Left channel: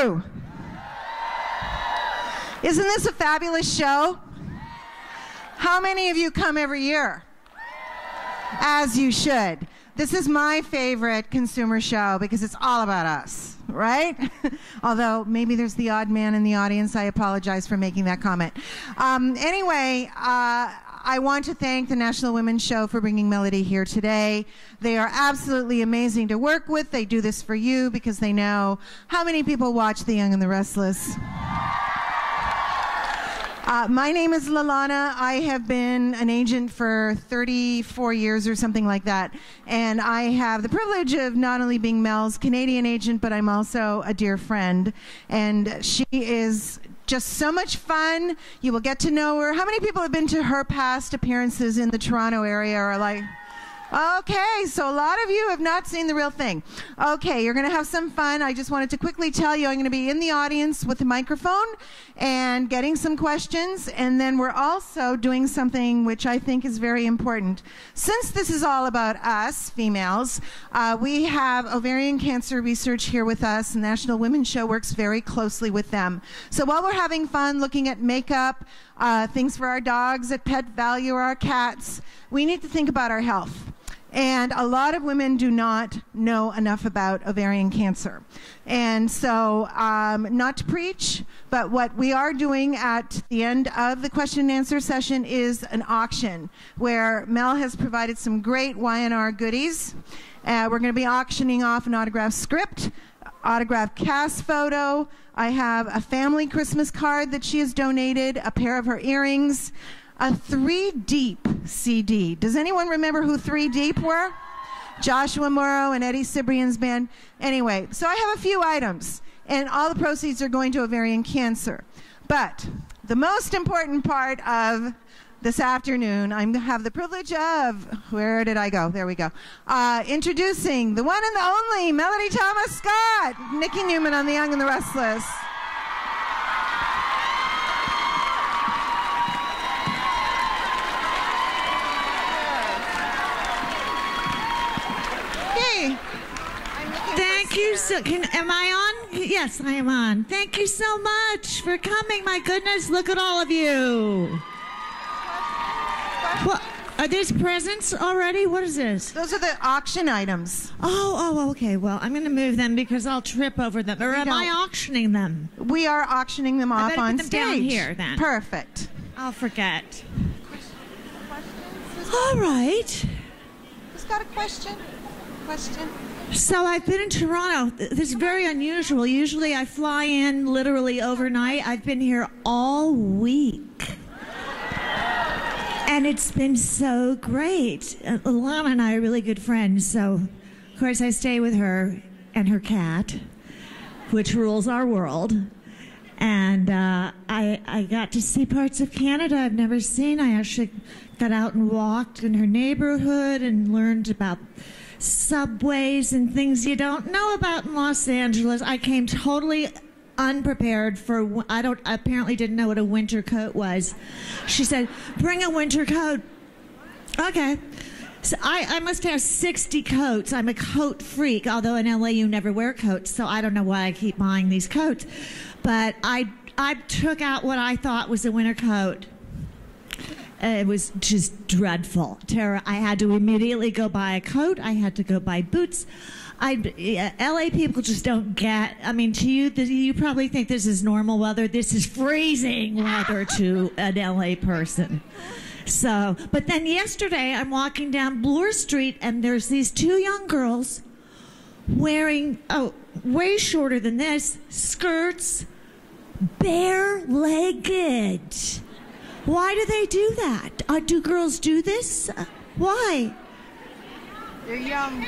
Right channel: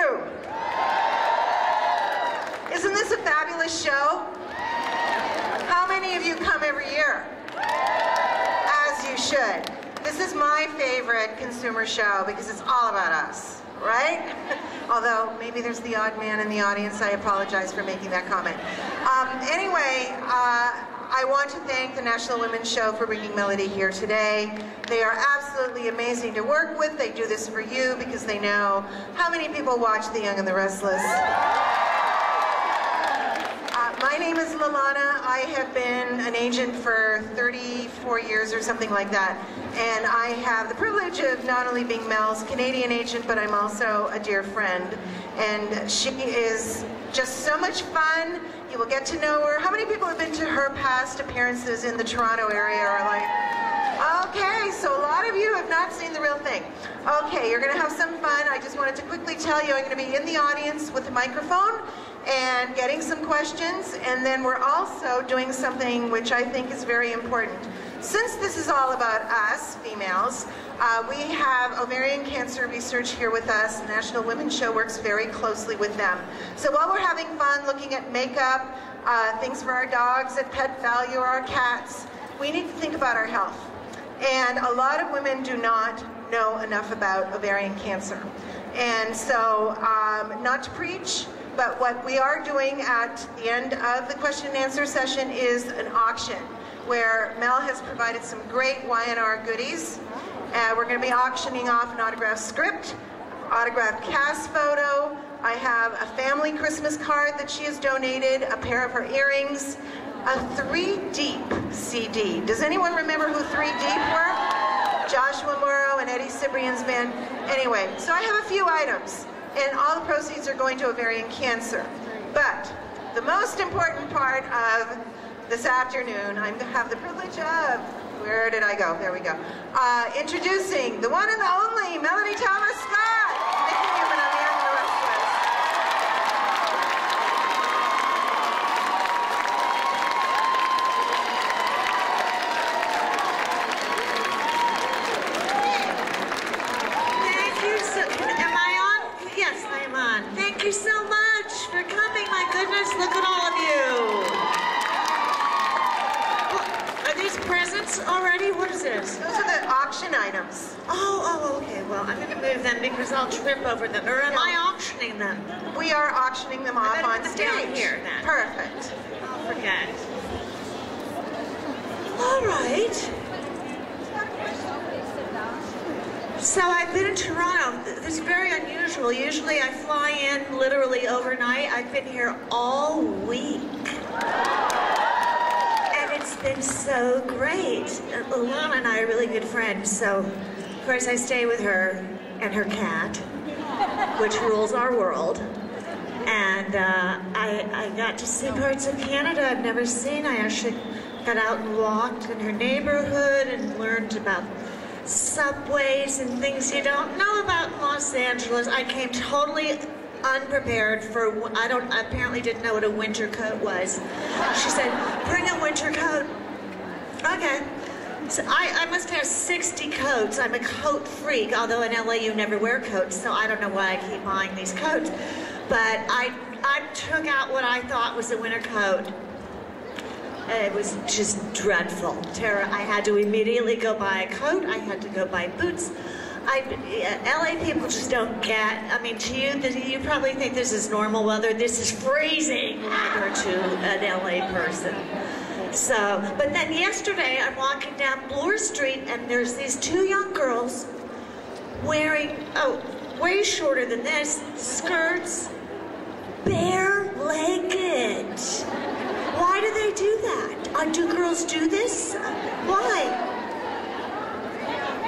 you? Isn't this a fabulous show? How many of you come every year? As you should. This is my favorite consumer show because it's all about us, right? Although maybe there's the odd man in the audience. I apologize for making that comment. Anyway, I want to thank the National Women's Show for bringing Melody here today. They are absolutely amazing to work with. They do this for you because they know how many people watch the Young and the Restless. My name is Lalana. I have been an agent for 34 years or something like that. And I have the privilege of not only being Mel's Canadian agent, but I'm also a dear friend. And she is just so much fun. You will get to know her. How many people have been to her past appearances in the Toronto area are like, okay, so a lot of you have not seen the real thing. Okay, you're going to have some fun. I just wanted to quickly tell you I'm going to be in the audience with the microphone and getting some questions, and then we're also doing something which I think is very important. Since this is all about us, females, we have ovarian cancer research here with us, and National Women's Show works very closely with them. So while we're having fun looking at makeup, things for our dogs at Pet Value or our cats, we need to think about our health. And a lot of women do not know enough about ovarian cancer. And so, not to preach, but what we are doing at the end of the question and answer session is an auction where Mel has provided some great Y&R goodies. We're going to be auctioning off an autographed script, autographed cast photo. I have a family Christmas card that she has donated, a pair of her earrings, a 3 Deep CD. Does anyone remember who 3 Deep were? Joshua Morrow and Eddie Cibrian's band. Anyway, so I have a few items, and all the proceeds are going to ovarian cancer. But the most important part of this afternoon, I'm going to have the privilege of, where did I go? There we go. Introducing the one and only Melody Thomas Scott, Nikki Newman on the Young and the Restless. Hey. Thank you so, am I on? Yes, I'm on. Thank you so much for coming. My goodness, look at all of you. Well, are these presents already? What is this? Those are the auction items. Oh, okay. Well, I'm going to move them because I'll trip over them. Or am I auctioning them? We are auctioning them off on Down stage. here then. Perfect. I'll forget. All right. Who's got a question? So I've been to Toronto. This is very unusual. Usually I fly in literally overnight. I've been here all week. And it's been so great. Alana and I are really good friends, so of course I stay with her and her cat, which rules our world. And I got to see parts of Canada I've never seen. I actually got out and walked in her neighborhood and learned about subways and things you don't know about in Los Angeles. I came totally unprepared for, apparently didn't know what a winter coat was. She said, bring a winter coat. Okay. So I must have 60 coats. I'm a coat freak, although in LA you never wear coats, so I don't know why I keep buying these coats. But I took out what I thought was a winter coat. It was just dreadful. I had to immediately go buy a coat. I had to go buy boots. LA people just don't get, I mean, to you, you probably think this is normal weather. This is freezing weather to an LA person. So, but then yesterday I'm walking down Bloor Street and there's these 2 young girls wearing, way shorter than this, skirts, bare-legged. Why do they do that? Do girls do this? Why? They're young.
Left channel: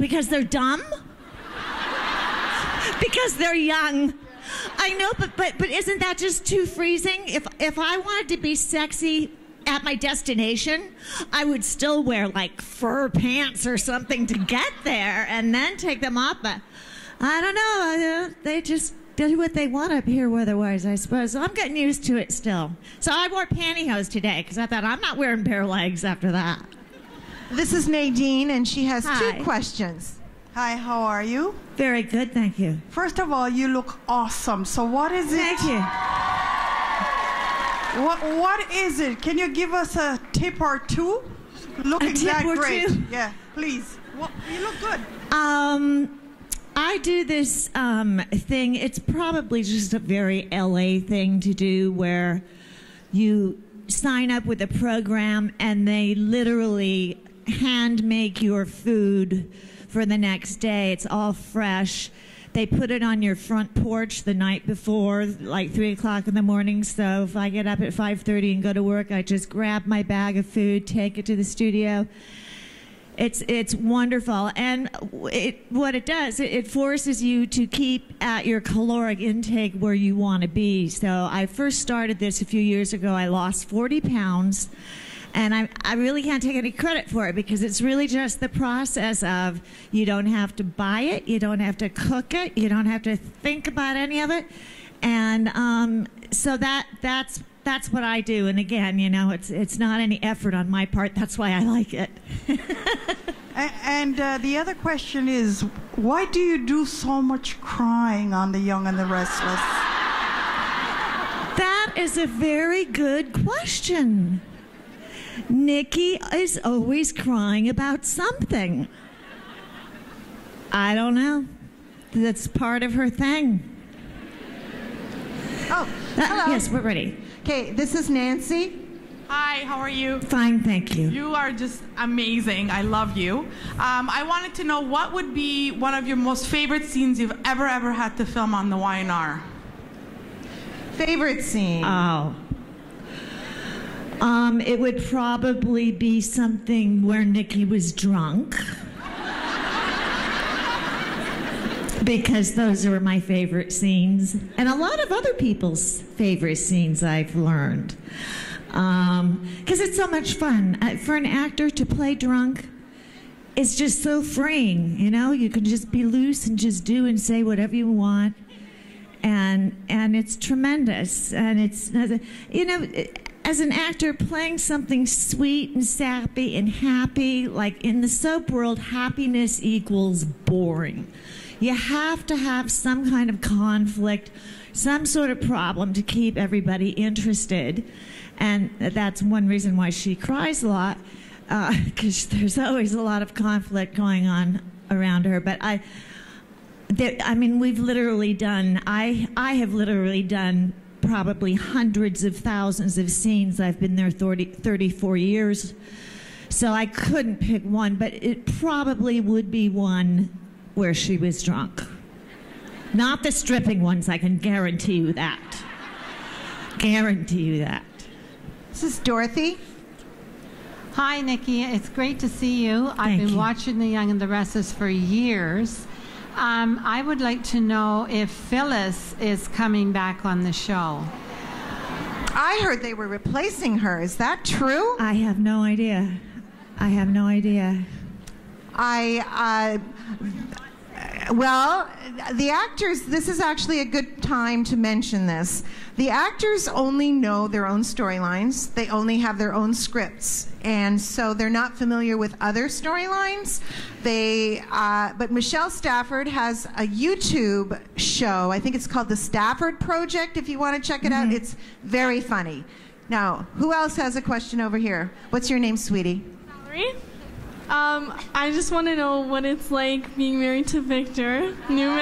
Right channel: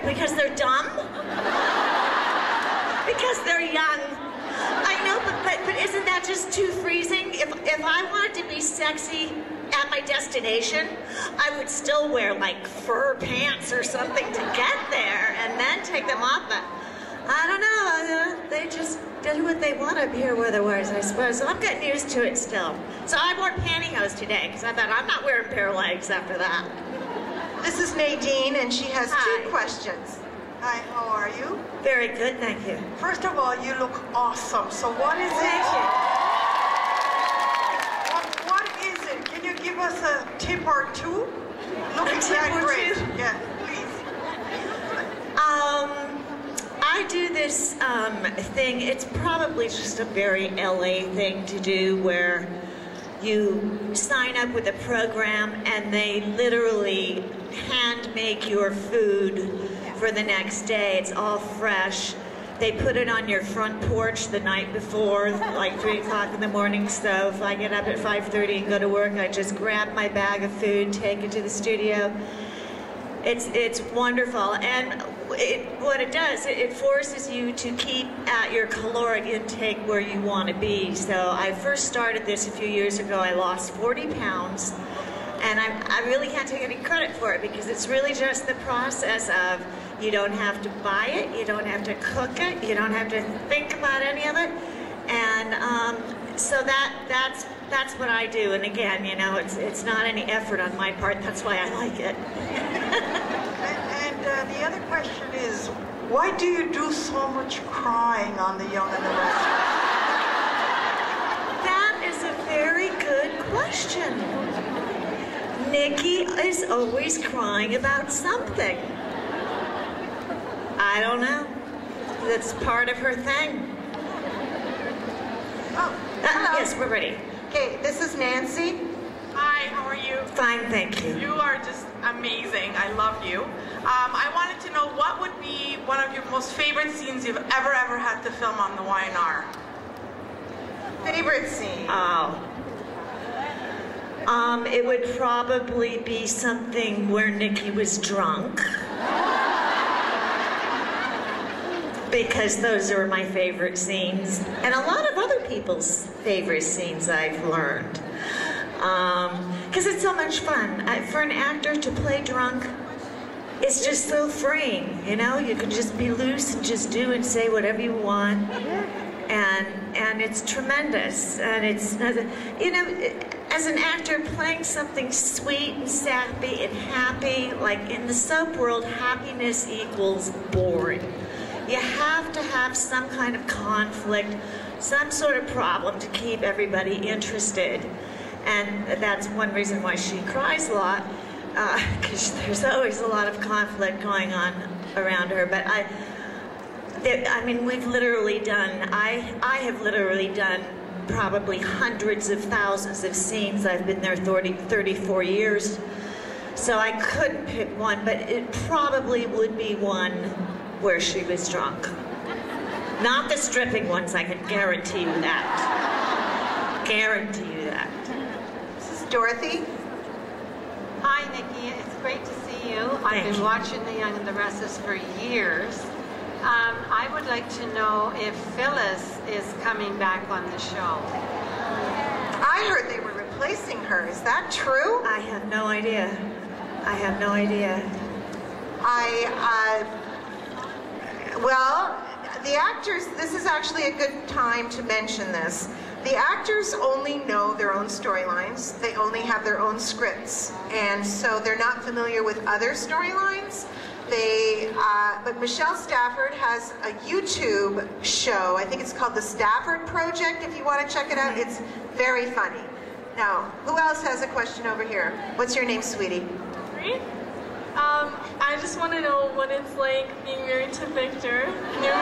Because they're dumb? Because they're young. I know, but isn't that just too freezing? If I wanted to be sexy at my destination, I would still wear like fur pants or something to get there and then take them off. But I don't know. They just do what they want up here weather-wise, I suppose. So I'm getting used to it still. So I wore pantyhose today because I thought I'm not wearing bare legs after that. This is Nadine, and she has 2 questions. Hi, how are you? Very good, thank you. First of all, you look awesome. So what is it? Thank you. What is it? Can you give us a tip or two? Looking that great. Yeah, please. You look good. I do this thing. It's probably just a very LA thing to do, where you sign up with a program and they literally hand make your food for the next day. It's all fresh. They put it on your front porch the night before, like 3 o'clock in the morning. So if I get up at 5:30 and go to work, I just grab my bag of food, take it to the studio. It's wonderful, and what it does, it forces you to keep at your caloric intake where you want to be. So I first started this a few years ago. I lost 40 pounds, and I really can't take any credit for it, because it's really just the process of, you don't have to buy it, you don't have to cook it, you don't have to think about any of it, and so that's what I do. And again, you know, it's not any effort on my part. That's why I like it. And the other question is, why do you do so much crying on the Young and the Restless? That is a very good question. Nikki is always crying about something. I don't know. That's part of her thing. Oh, Yes, we're ready. Okay, this is Nancy. Hi, how are you? Fine, thank you. You are just amazing. I love you. I wanted to know, what would be one of your most favorite scenes you've ever had to film on the Y&R? Favorite scene? Oh. It would probably be something where Nikki was drunk. Because those are my favorite scenes. And a lot of other people's favorite scenes, I've learned. Because it's so much fun. For an actor to play drunk, it's just so freeing, you know? You can just be loose and just do and say whatever you want. And it's tremendous. And it's, you know, as an actor, playing something sweet and sappy and happy, like in the soap world, happiness equals boring. You have to have some kind of conflict, some sort of problem to keep everybody interested. And that's one reason why she cries a lot, because there's always a lot of conflict going on around her. But I mean, we've literally done, I have literally done probably hundreds of thousands of scenes. I've been there 34 years, so I couldn't pick one, but it probably would be one where she was drunk. Not the stripping ones, I can guarantee you that. Guarantee you that. This is Dorothy. Hi, Nikki. It's great to see you. I've been watching The Young and The Restless for years. I would like to know if Phyllis is coming back on the show. I heard they were replacing her. Is that true? I have no idea. I have no idea. Well, the actors, this is actually a good time to mention this. The actors only know their own storylines. They only have their own scripts. And so they're not familiar with other storylines. But Michelle Stafford has a YouTube show. I think it's called The Stafford Project, if you want to check it out. It's very funny. Now, who else has a question over here? What's your name, sweetie? I just want to know what it's like being married to Victor Newman.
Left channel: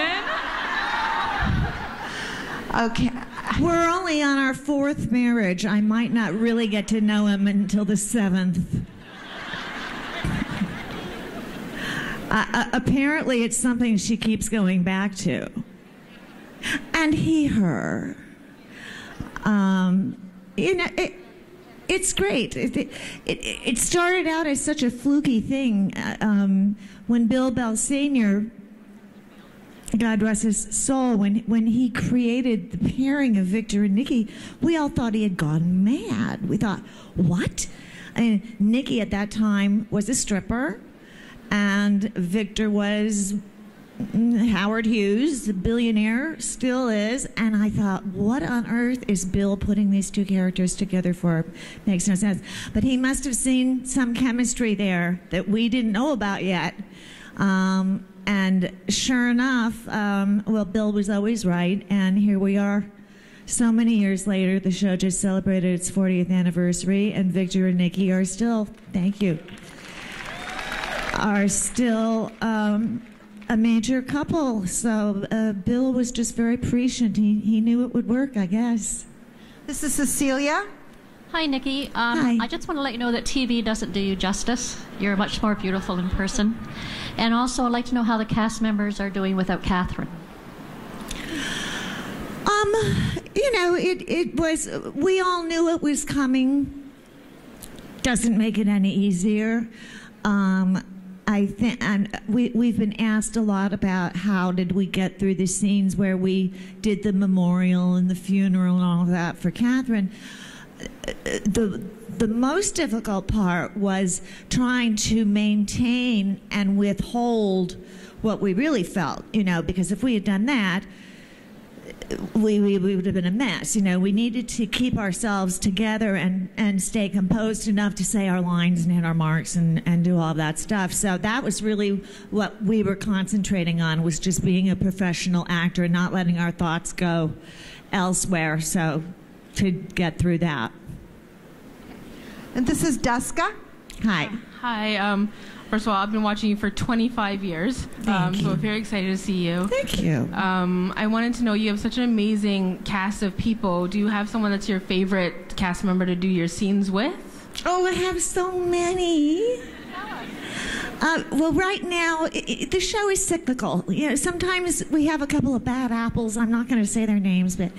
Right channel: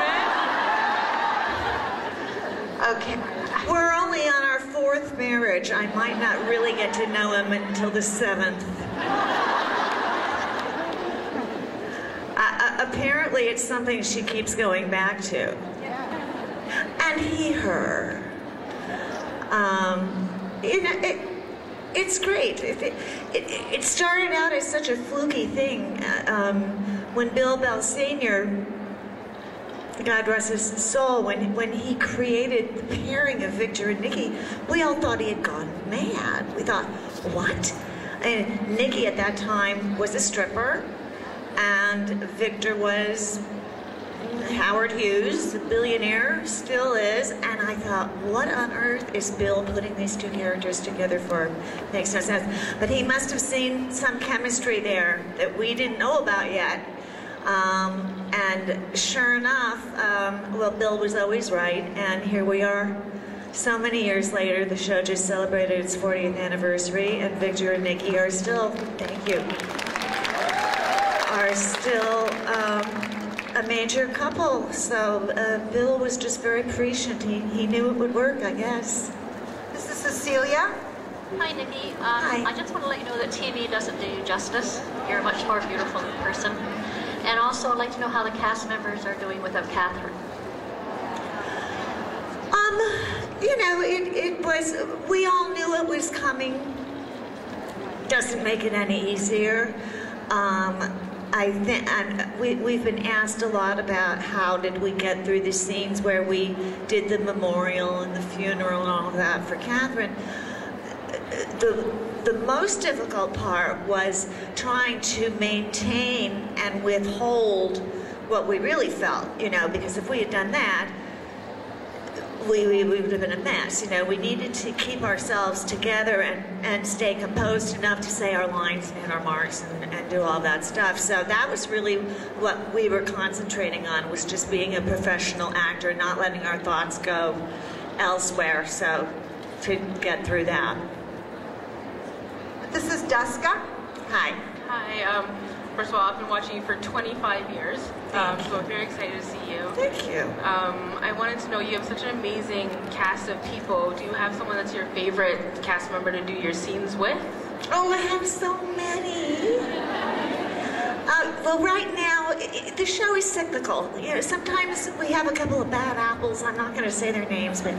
Okay. We're only on our 4th marriage. I might not really get to know him until the 7th. Apparently it's something she keeps going back to. And her. You know, it's great. It started out as such a fluky thing. When Bill Bell Sr., God rest his soul, when he created the pairing of Victor and Nikki, we all thought he had gone mad. We thought, what? And Nikki at that time was a stripper, and Victor was Howard Hughes, the billionaire, still is, and I thought, what on earth is Bill putting these two characters together for? Makes no sense. But he must have seen some chemistry there that we didn't know about yet. And sure enough, well, Bill was always right, and here we are. So many years later, the show just celebrated its 40th anniversary, and Victor and Nikki are still, thank you, are still a major couple. So Bill was just very prescient. He knew it would work, I guess. This is Cecilia. Hi, Nikki. Hi. I just want to let you know that TV doesn't do you justice. You're much more beautiful in person. And also, I'd like to know how the cast members are doing without Catherine. You know, it was, we all knew it was coming. Doesn't make it any easier. I think we've been asked a lot about how did we get through the scenes where we did the memorial and the funeral and all that for Catherine. The most difficult part was trying to maintain and withhold what we really felt, you know, because if we had done that, we would have been a mess. You know, we needed to keep ourselves together and stay composed enough to say our lines and hit our marks and do all that stuff. So that was really what we were concentrating on, was just being a professional actor, not letting our thoughts go elsewhere, so to get through that. And this is Duska. Hi. Hi. First of all, I've been watching you for 25 years, so I'm very excited to see you. Thank you. I wanted to know, you have such an amazing cast of people. Do you have someone that's your favorite cast member to do your scenes with? Oh, I have so many. Well, right now, the show is cyclical. You know, sometimes we have a couple of bad apples. I'm not going to say their names, but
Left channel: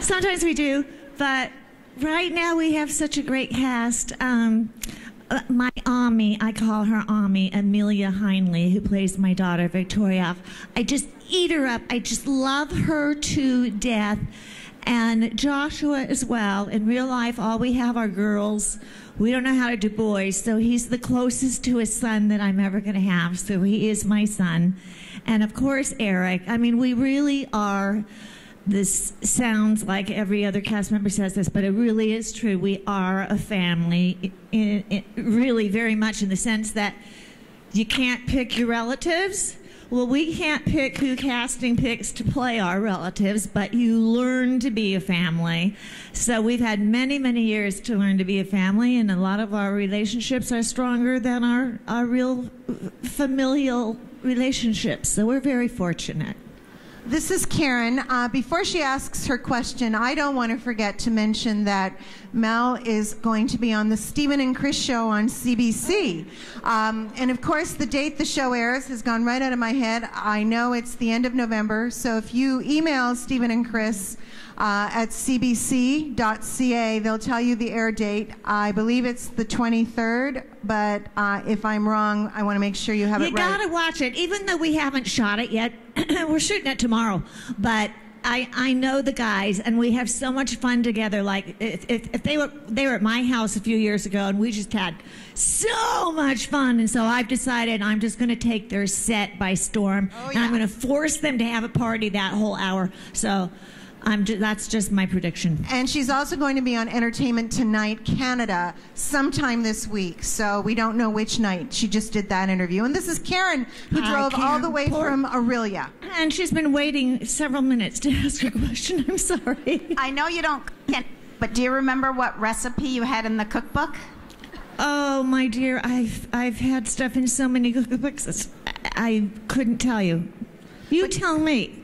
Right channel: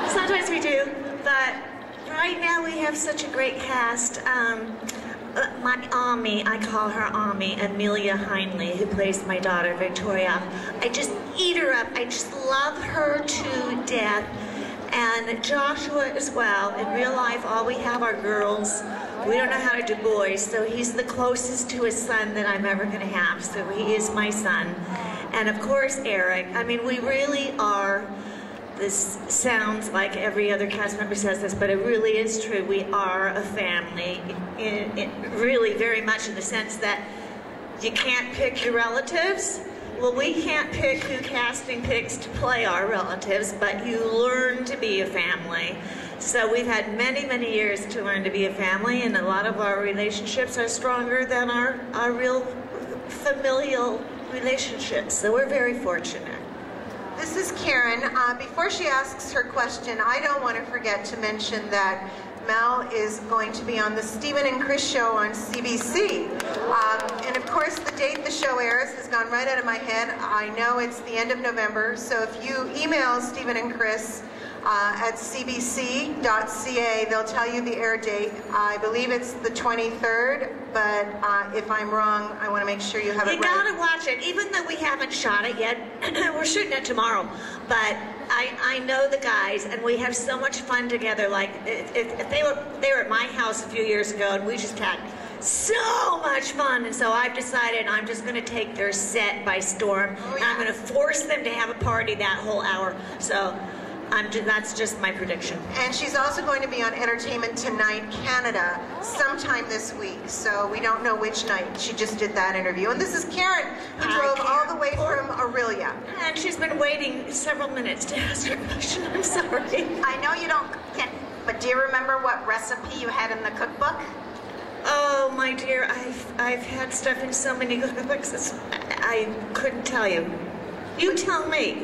sometimes we do. But right now, we have such a great cast. My Ami, I call her Ami, Amelia Heinley, who plays my daughter Victoria. I just eat her up. I just love her to death. And Joshua as well. In real life, all we have are girls. We don't know how to do boys, so he's the closest to his son that I'm ever going to have. So he is my son. And of course, Eric. I mean, we really are. This sounds like every other cast member says this, but it really is true. We are a family, really very much in the sense that you can't pick your relatives. Well, we can't pick who casting picks to play our relatives, but you learn to be a family. So we've had many, many years to learn to be a family, and a lot of our relationships are stronger than our real familial relationships. So we're very fortunate. This is Karen. Before she asks her question, I don't want to forget to mention that Mel is going to be on the Stephen and Chris show on CBC. And of course, the date the show airs has gone right out of my head. I know it's the end of November, so if you email Stephen and Chris at cbc.ca, they'll tell you the air date. I believe it's the 23rd, but if I'm wrong, I want to make sure you have it right. You gotta watch it, even though we haven't shot it yet. We're shooting it tomorrow, but I know the guys, and we have so much fun together. Like, if they were at my house a few years ago, and we just had so much fun, and so I've decided I'm just going to take their set by storm, and I'm going to force them to have a party that whole hour. So that's just my prediction. And she's also going to be on Entertainment Tonight Canada sometime this week, so we don't know which night. She just did that interview. And this is Karen, who drove all the way from Aurelia. And she's been waiting several minutes to ask her question. I'm sorry. I know you can't, but do you remember what recipe you had in the cookbook? Oh, my dear, I've had stuff in so many cookbooks, I couldn't tell you. You tell me.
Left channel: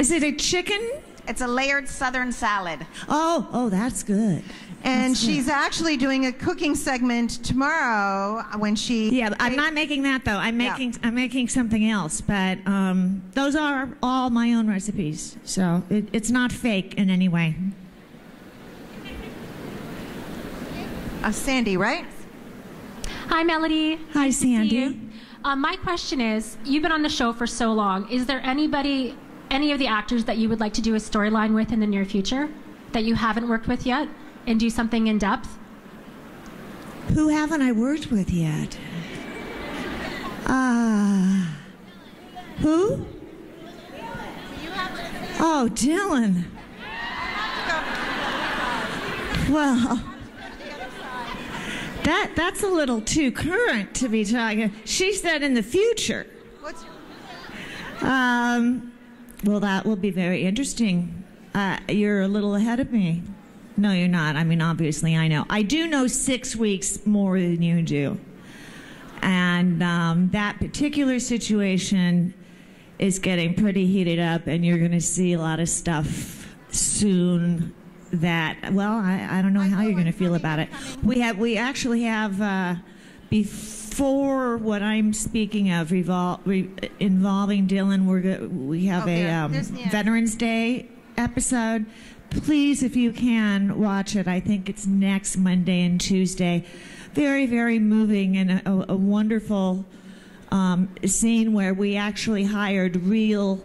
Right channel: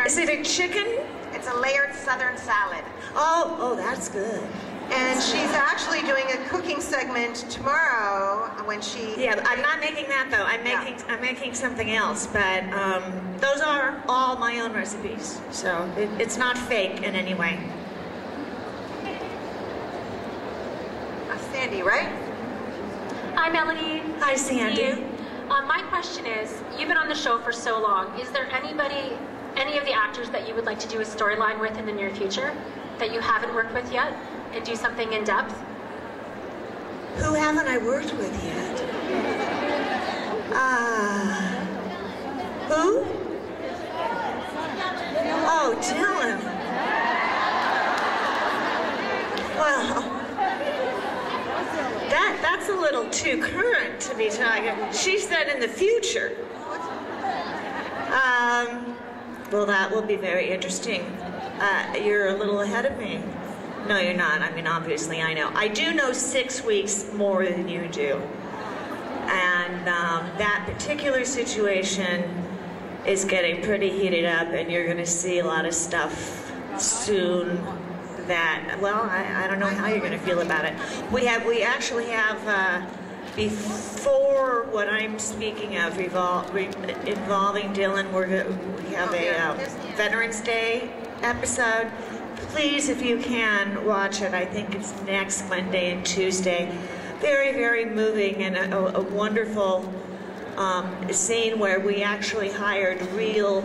Is it a chicken? It's a layered southern salad. Oh, that's good. And she's actually doing a cooking segment tomorrow when she... Yeah, I'm not making that, though. I'm making something else. But those are all my own recipes. So it's not fake in any way. Sandy, right? Hi, Melody. Hi, Sandy. My question is, you've been on the show for so long. Is there any of the actors that you would like to do a storyline with in the near future that you haven't worked with yet and do something in depth? Who haven't I worked with yet? Who? Oh, Dylan. Well, That's a little too current to be talking. She said in the future. Well, that will be very interesting. You're a little ahead of me. No, you're not. I mean, obviously, I know. I do know 6 weeks more than you do. And that particular situation is getting pretty heated up, and you're going to see a lot of stuff soon that, well, I don't know how you're going to feel about it. We actually have, before what I'm speaking of involving Dylan, we have a Veterans Day episode. Please, if you can, watch it. I think it's next Monday and Tuesday. Very, very moving, and a wonderful scene where we actually hired real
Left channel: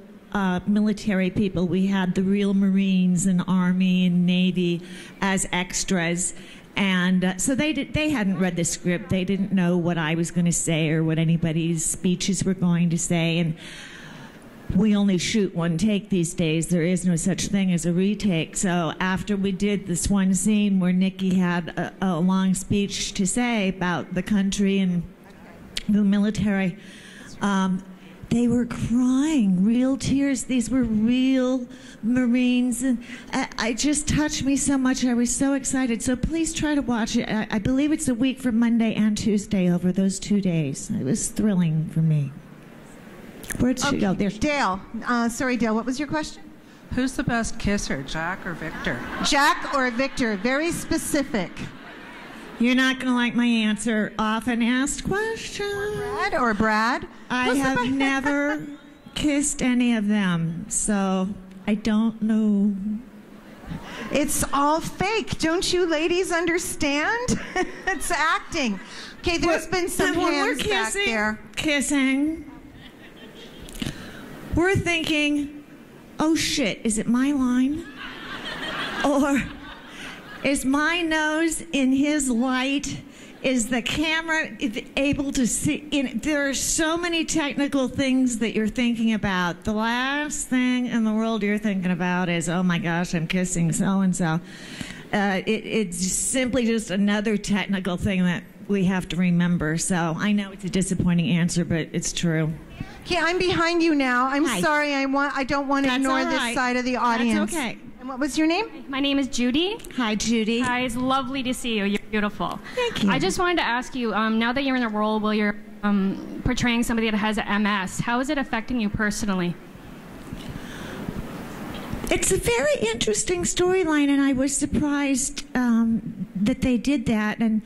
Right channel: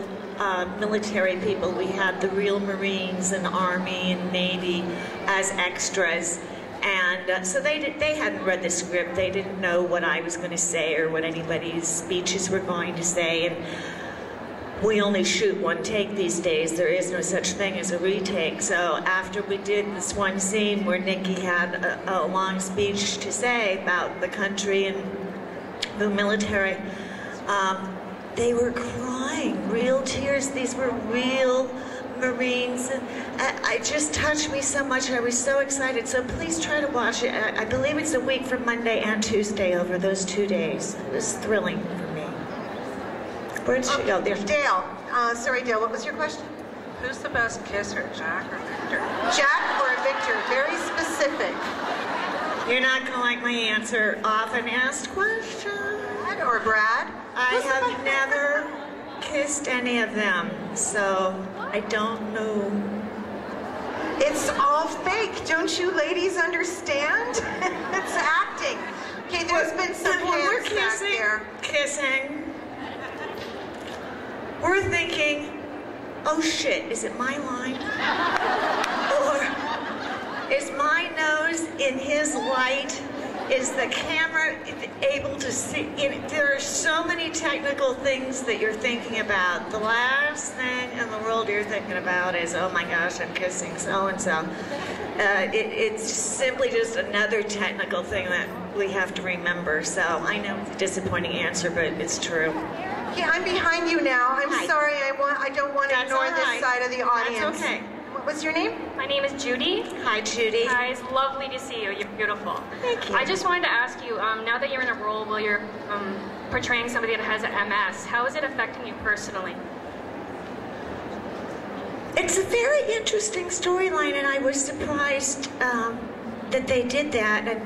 military people. We had the real Marines and Army and Navy as extras. And so they hadn't read the script. They didn't know what I was going to say or what anybody's speeches were going to say. And we only shoot one take these days. There isn't such thing as a retake. So after we did this one scene where Nikki had a long speech to say about the country and the military, they were crying, real tears. These were real Marines. It just touched me so much. I was so excited. So please try to watch it. I believe it's a week from Monday and Tuesday over those 2 days. It was thrilling for me. Where'd she go? Dale. Sorry, Dale, what was your question? Who's the best kisser, Jack or Victor? Jack or Victor? Very specific. You're not going to like my answer. Often asked question. Brad or Brad? I have never kissed any of them, so I don't know. It's all fake. Don't you ladies understand? It's acting. Okay, there's been some hands back there. Kissing. We're thinking, oh shit, is it my line? Or is my nose in his light? Is the camera able to see? There are so many technical things that you're thinking about. The last thing in the world you're thinking about is, oh my gosh, I'm kissing so-and-so. It's simply just another technical thing that we have to remember. So I know it's a disappointing answer, but it's true. Okay, I'm behind you now. I'm sorry. I don't want to ignore this side of the audience. That's okay. What's your name? My name is Judy. Hi, Judy. Hi, it's lovely to see you. You're beautiful. Thank you. I just wanted to ask you, now that you're in a role where you're portraying somebody that has MS, how is it affecting you personally? It's a very interesting storyline, and I was surprised that they did that. And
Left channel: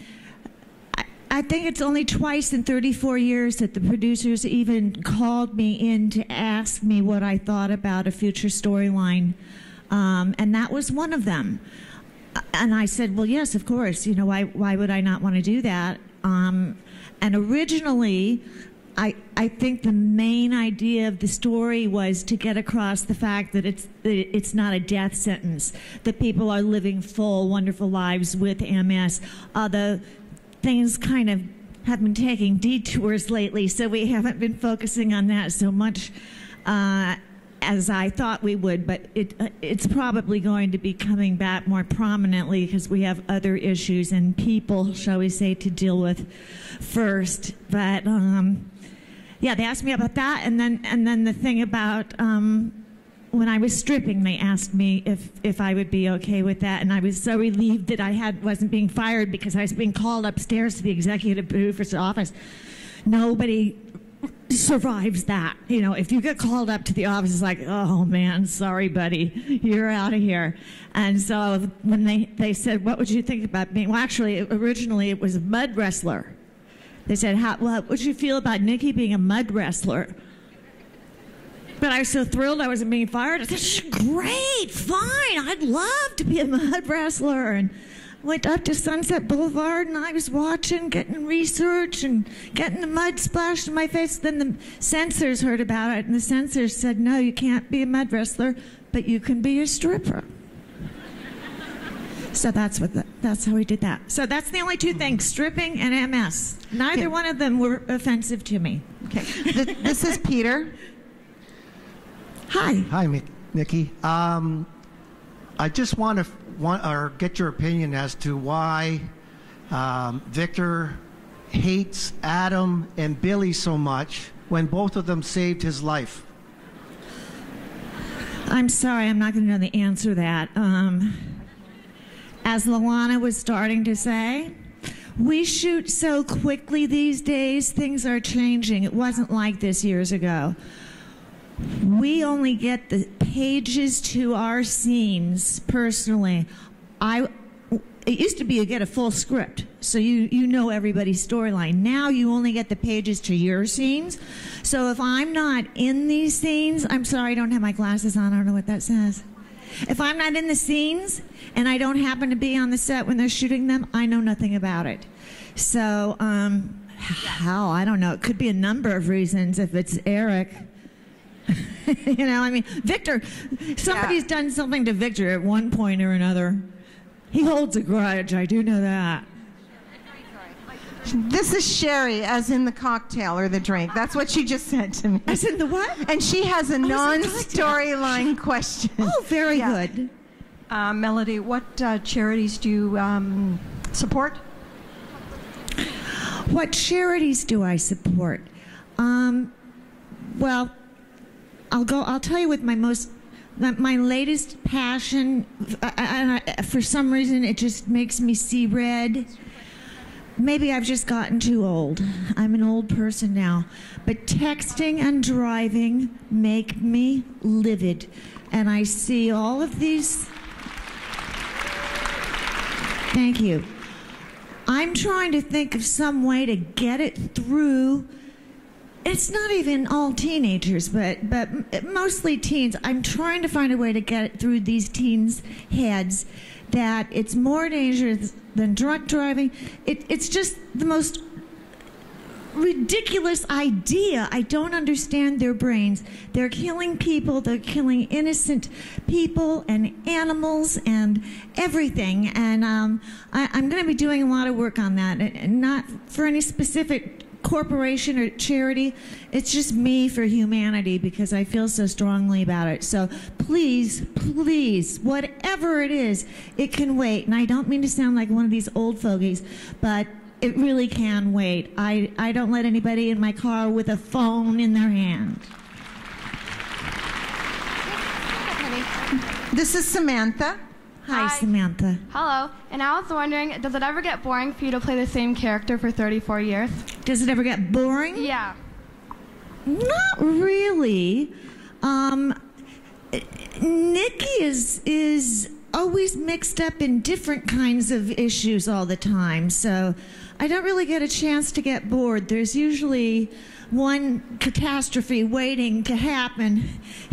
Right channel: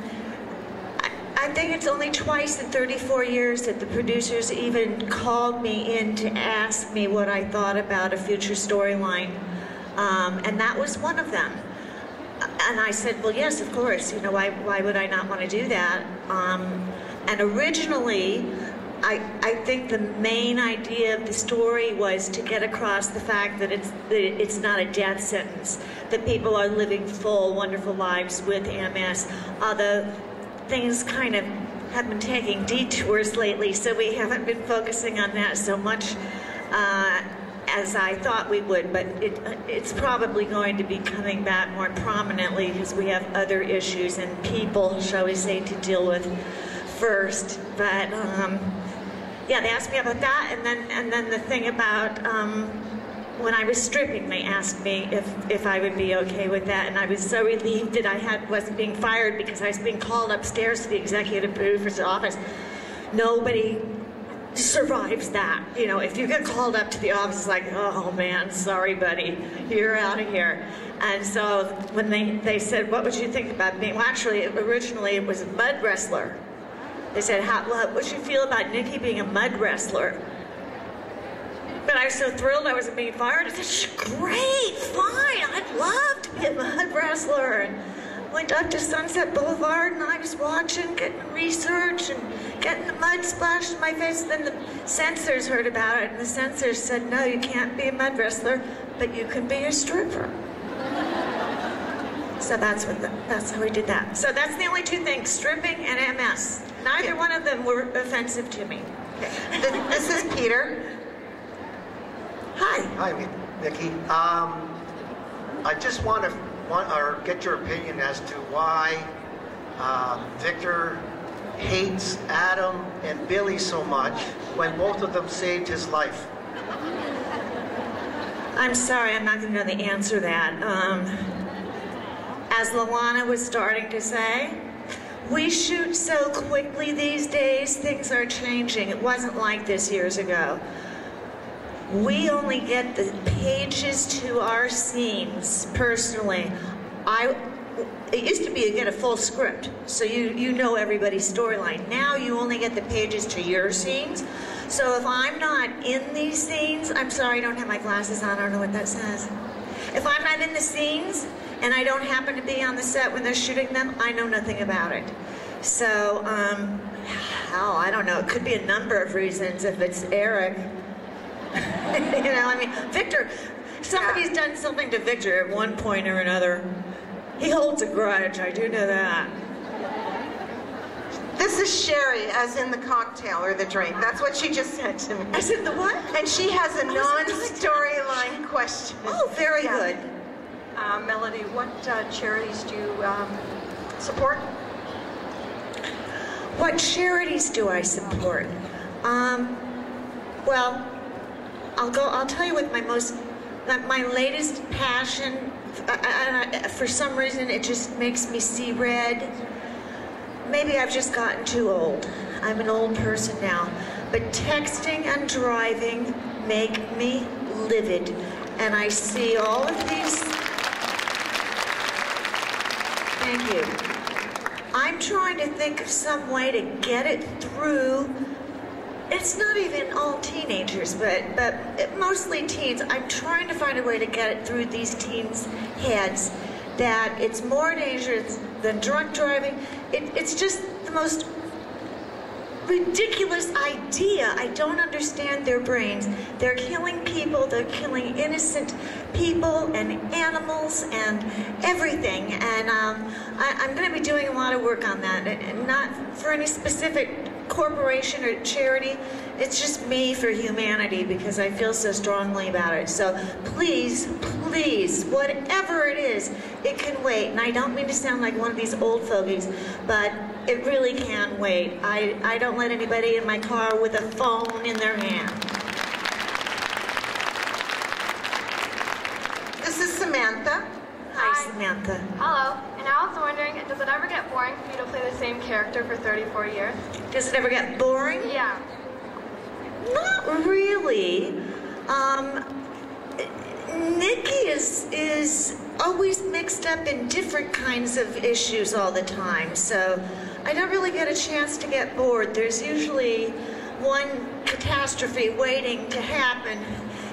I think it's only twice in 34 years that the producers even called me in to ask me what I thought about a future storyline. And that was one of them. And I said, well, yes, of course. You know, why would I not want to do that? And originally, I think the main idea of the story was to get across the fact that it's not a death sentence, that people are living full, wonderful lives with MS. Although things kind of have been taking detours lately, so we haven't been focusing on that so much as I thought we would, but it's probably going to be coming back more prominently because we have other issues and people, shall we say, to deal with first. But yeah, they asked me about that, and then the thing about when I was stripping, they asked me if I would be okay with that, and I was so relieved that I wasn't being fired because I was being called upstairs to the executive producer's office. Nobody survives that. You know, if you get called up to the office, it's like, oh man, sorry buddy, you're out of here. And so when they said, what would you think about me? Well, actually, originally it was mud wrestler. They said, what would you feel about Nikki being a mud wrestler? But I was so thrilled I was being fired. I said, great, fine, I'd love to be a mud wrestler. And went up to Sunset Boulevard, and I was watching, getting research, and getting the mud splashed in my face. Then the censors heard about it, and the censors said, no, you can't be a mud wrestler, but you could be a stripper. So that's how we did that. So that's the only two things, stripping and MS. Neither one of them were offensive to me. Okay. This is Peter. Hi. Hi, Nikki. I just want to get your opinion as to why Victor hates Adam and Billy so much when both of them saved his life? I'm sorry, I'm not going to answer that. As Luana was starting to say, we shoot so quickly these days, things are changing. It wasn't like this years ago. We only get the pages to our scenes, personally. It used to be you get a full script, so you know everybody's storyline. Now you only get the pages to your scenes. So if I'm not in these scenes, I'm sorry, I don't have my glasses on, I don't know what that says. If I'm not in the scenes, and I don't happen to be on the set when they're shooting them, I know nothing about it. So, how? I don't know. It could be a number of reasons if it's Eric. You know, I mean, Victor, somebody's done something to Victor at one point or another. He holds a grudge, I do know that. This is Sherry, as in the cocktail or the drink. That's what she just sent to me. I said the what? And she has a non-storyline question. Oh, very good. Melody, what charities do you support? What charities do I support? Well, I'll tell you what my latest passion, for some reason it just makes me see red. Maybe I've just gotten too old. I'm an old person now. But texting and driving make me livid. And I see all of these. Thank you. I'm trying to think of some way to get it through. It's not even all teenagers, but mostly teens. I'm trying to find a way to get it through these teens' heads that it's more dangerous than drunk driving. It's just the most ridiculous idea. I don't understand their brains. They're killing people. They're killing innocent people and animals and everything. And I'm going to be doing a lot of work on that. And not for any specific corporation or charity. It's just me for humanity because I feel so strongly about it. So please, please, whatever it is, it can wait. And I don't mean to sound like one of these old fogies, but it really can wait. I don't let anybody in my car with a phone in their hand. This is Samantha. Hi, Samantha. Hello. And I was wondering, does it ever get boring for you to play the same character for 34 years? Does it ever get boring? Yeah. Not really. Nikki is always mixed up in different kinds of issues all the time, so I don't really get a chance to get bored. There's usually one catastrophe waiting to happen,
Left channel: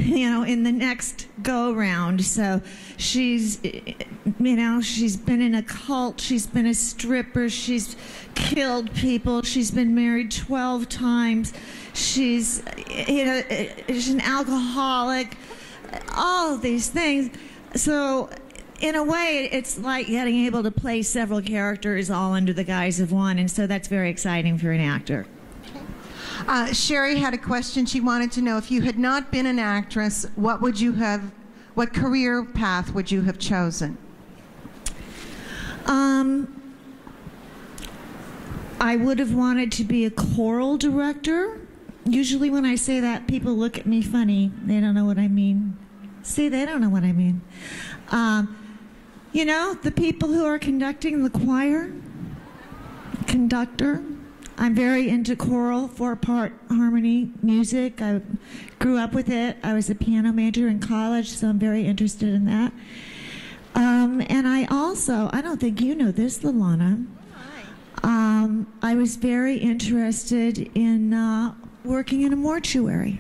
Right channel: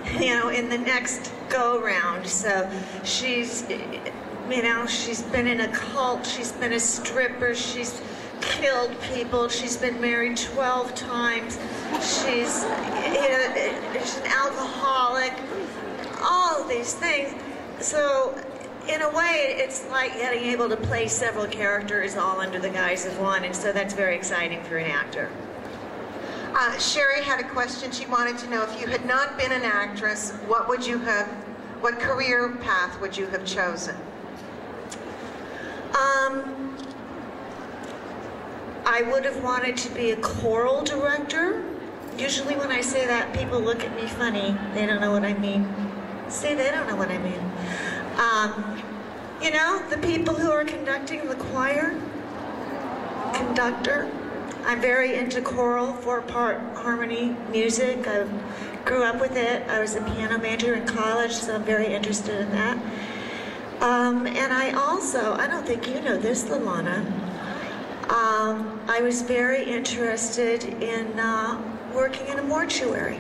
in the next go-round. So she's been in a cult, she's been a stripper, she's killed people, she's been married 12 times, she's an alcoholic, all of these things. So in a way, it's like being able to play several characters all under the guise of one, and so that's very exciting for an actor. Sherry had a question. She wanted to know, if you had not been an actress, what career path would you have chosen? I would have wanted to be a choral director. Usually when I say that, people look at me funny. They don't know what I mean. See, they don't know what I mean. The people who are conducting the choir, conductor. I'm very into choral, four-part harmony music. I grew up with it. I was a piano major in college, so I'm very interested in that. And I don't think you know this, Luana, I was very interested in working in a mortuary,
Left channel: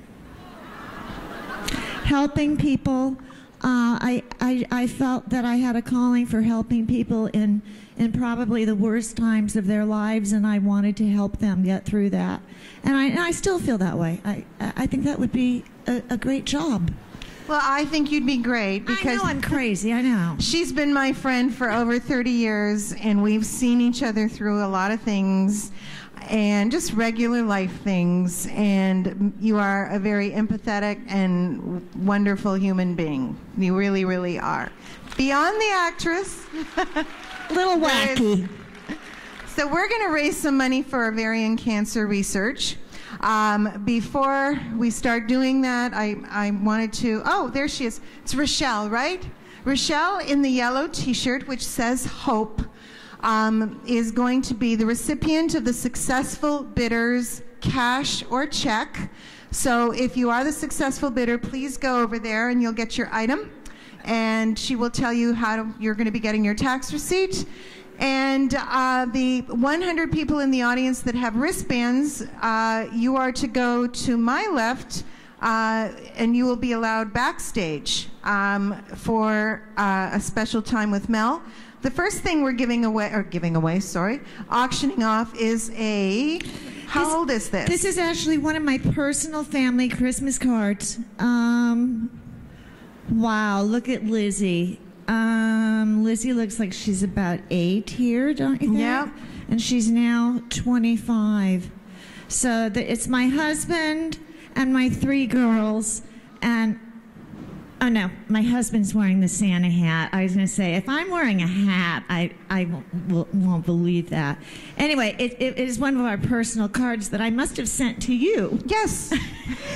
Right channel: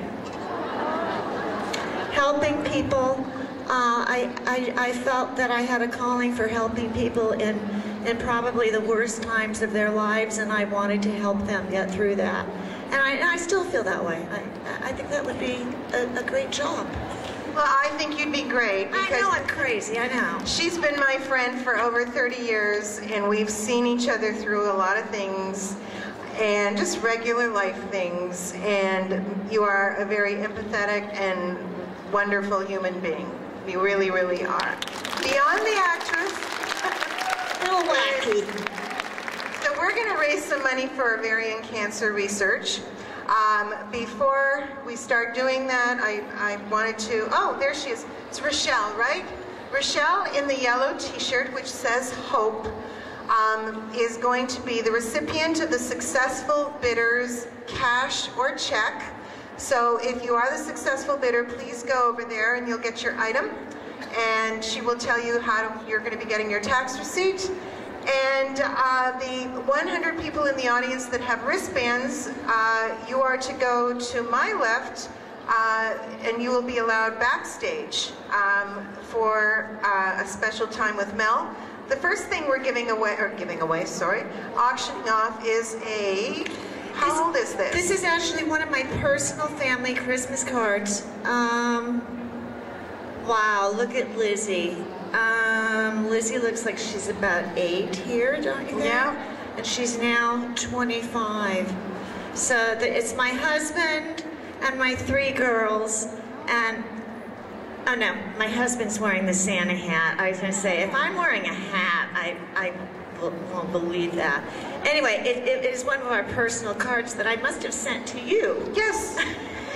helping people. I felt that I had a calling for helping people in probably the worst times of their lives, and I wanted to help them get through that. And I still feel that way. I think that would be a great job. Well, I think you'd be great because I know I'm crazy, I know. She's been my friend for over 30 years, and we've seen each other through a lot of things, and just regular life things. And you are a very empathetic and wonderful human being. You really, really are. Beyond the actress, a little wacky. So we're going to raise some money for ovarian cancer research. Before we start doing that, I wanted to, oh, there she is. It's Rochelle, right? Rochelle in the yellow t-shirt, which says hope, is going to be the recipient of the successful bidder's cash or check. So if you are the successful bidder, please go over there and you'll get your item. And she will tell you how you're going to be getting your tax receipt. And the 100 people in the audience that have wristbands, you are to go to my left, and you'll be allowed backstage for a special time with Mel. The first thing we're auctioning off is a, how old is this? This is actually one of my personal family Christmas cards. Wow, look at Lizzie. Lizzie looks like she's about 8 here, don't you think? Yeah. And she's now 25. So it's my husband and my 3 girls, and oh no, my husband's wearing the Santa hat. I was going to say, if I'm wearing a hat, I won't believe that. Anyway, it is one of our personal cards that I must have sent to you. Yes.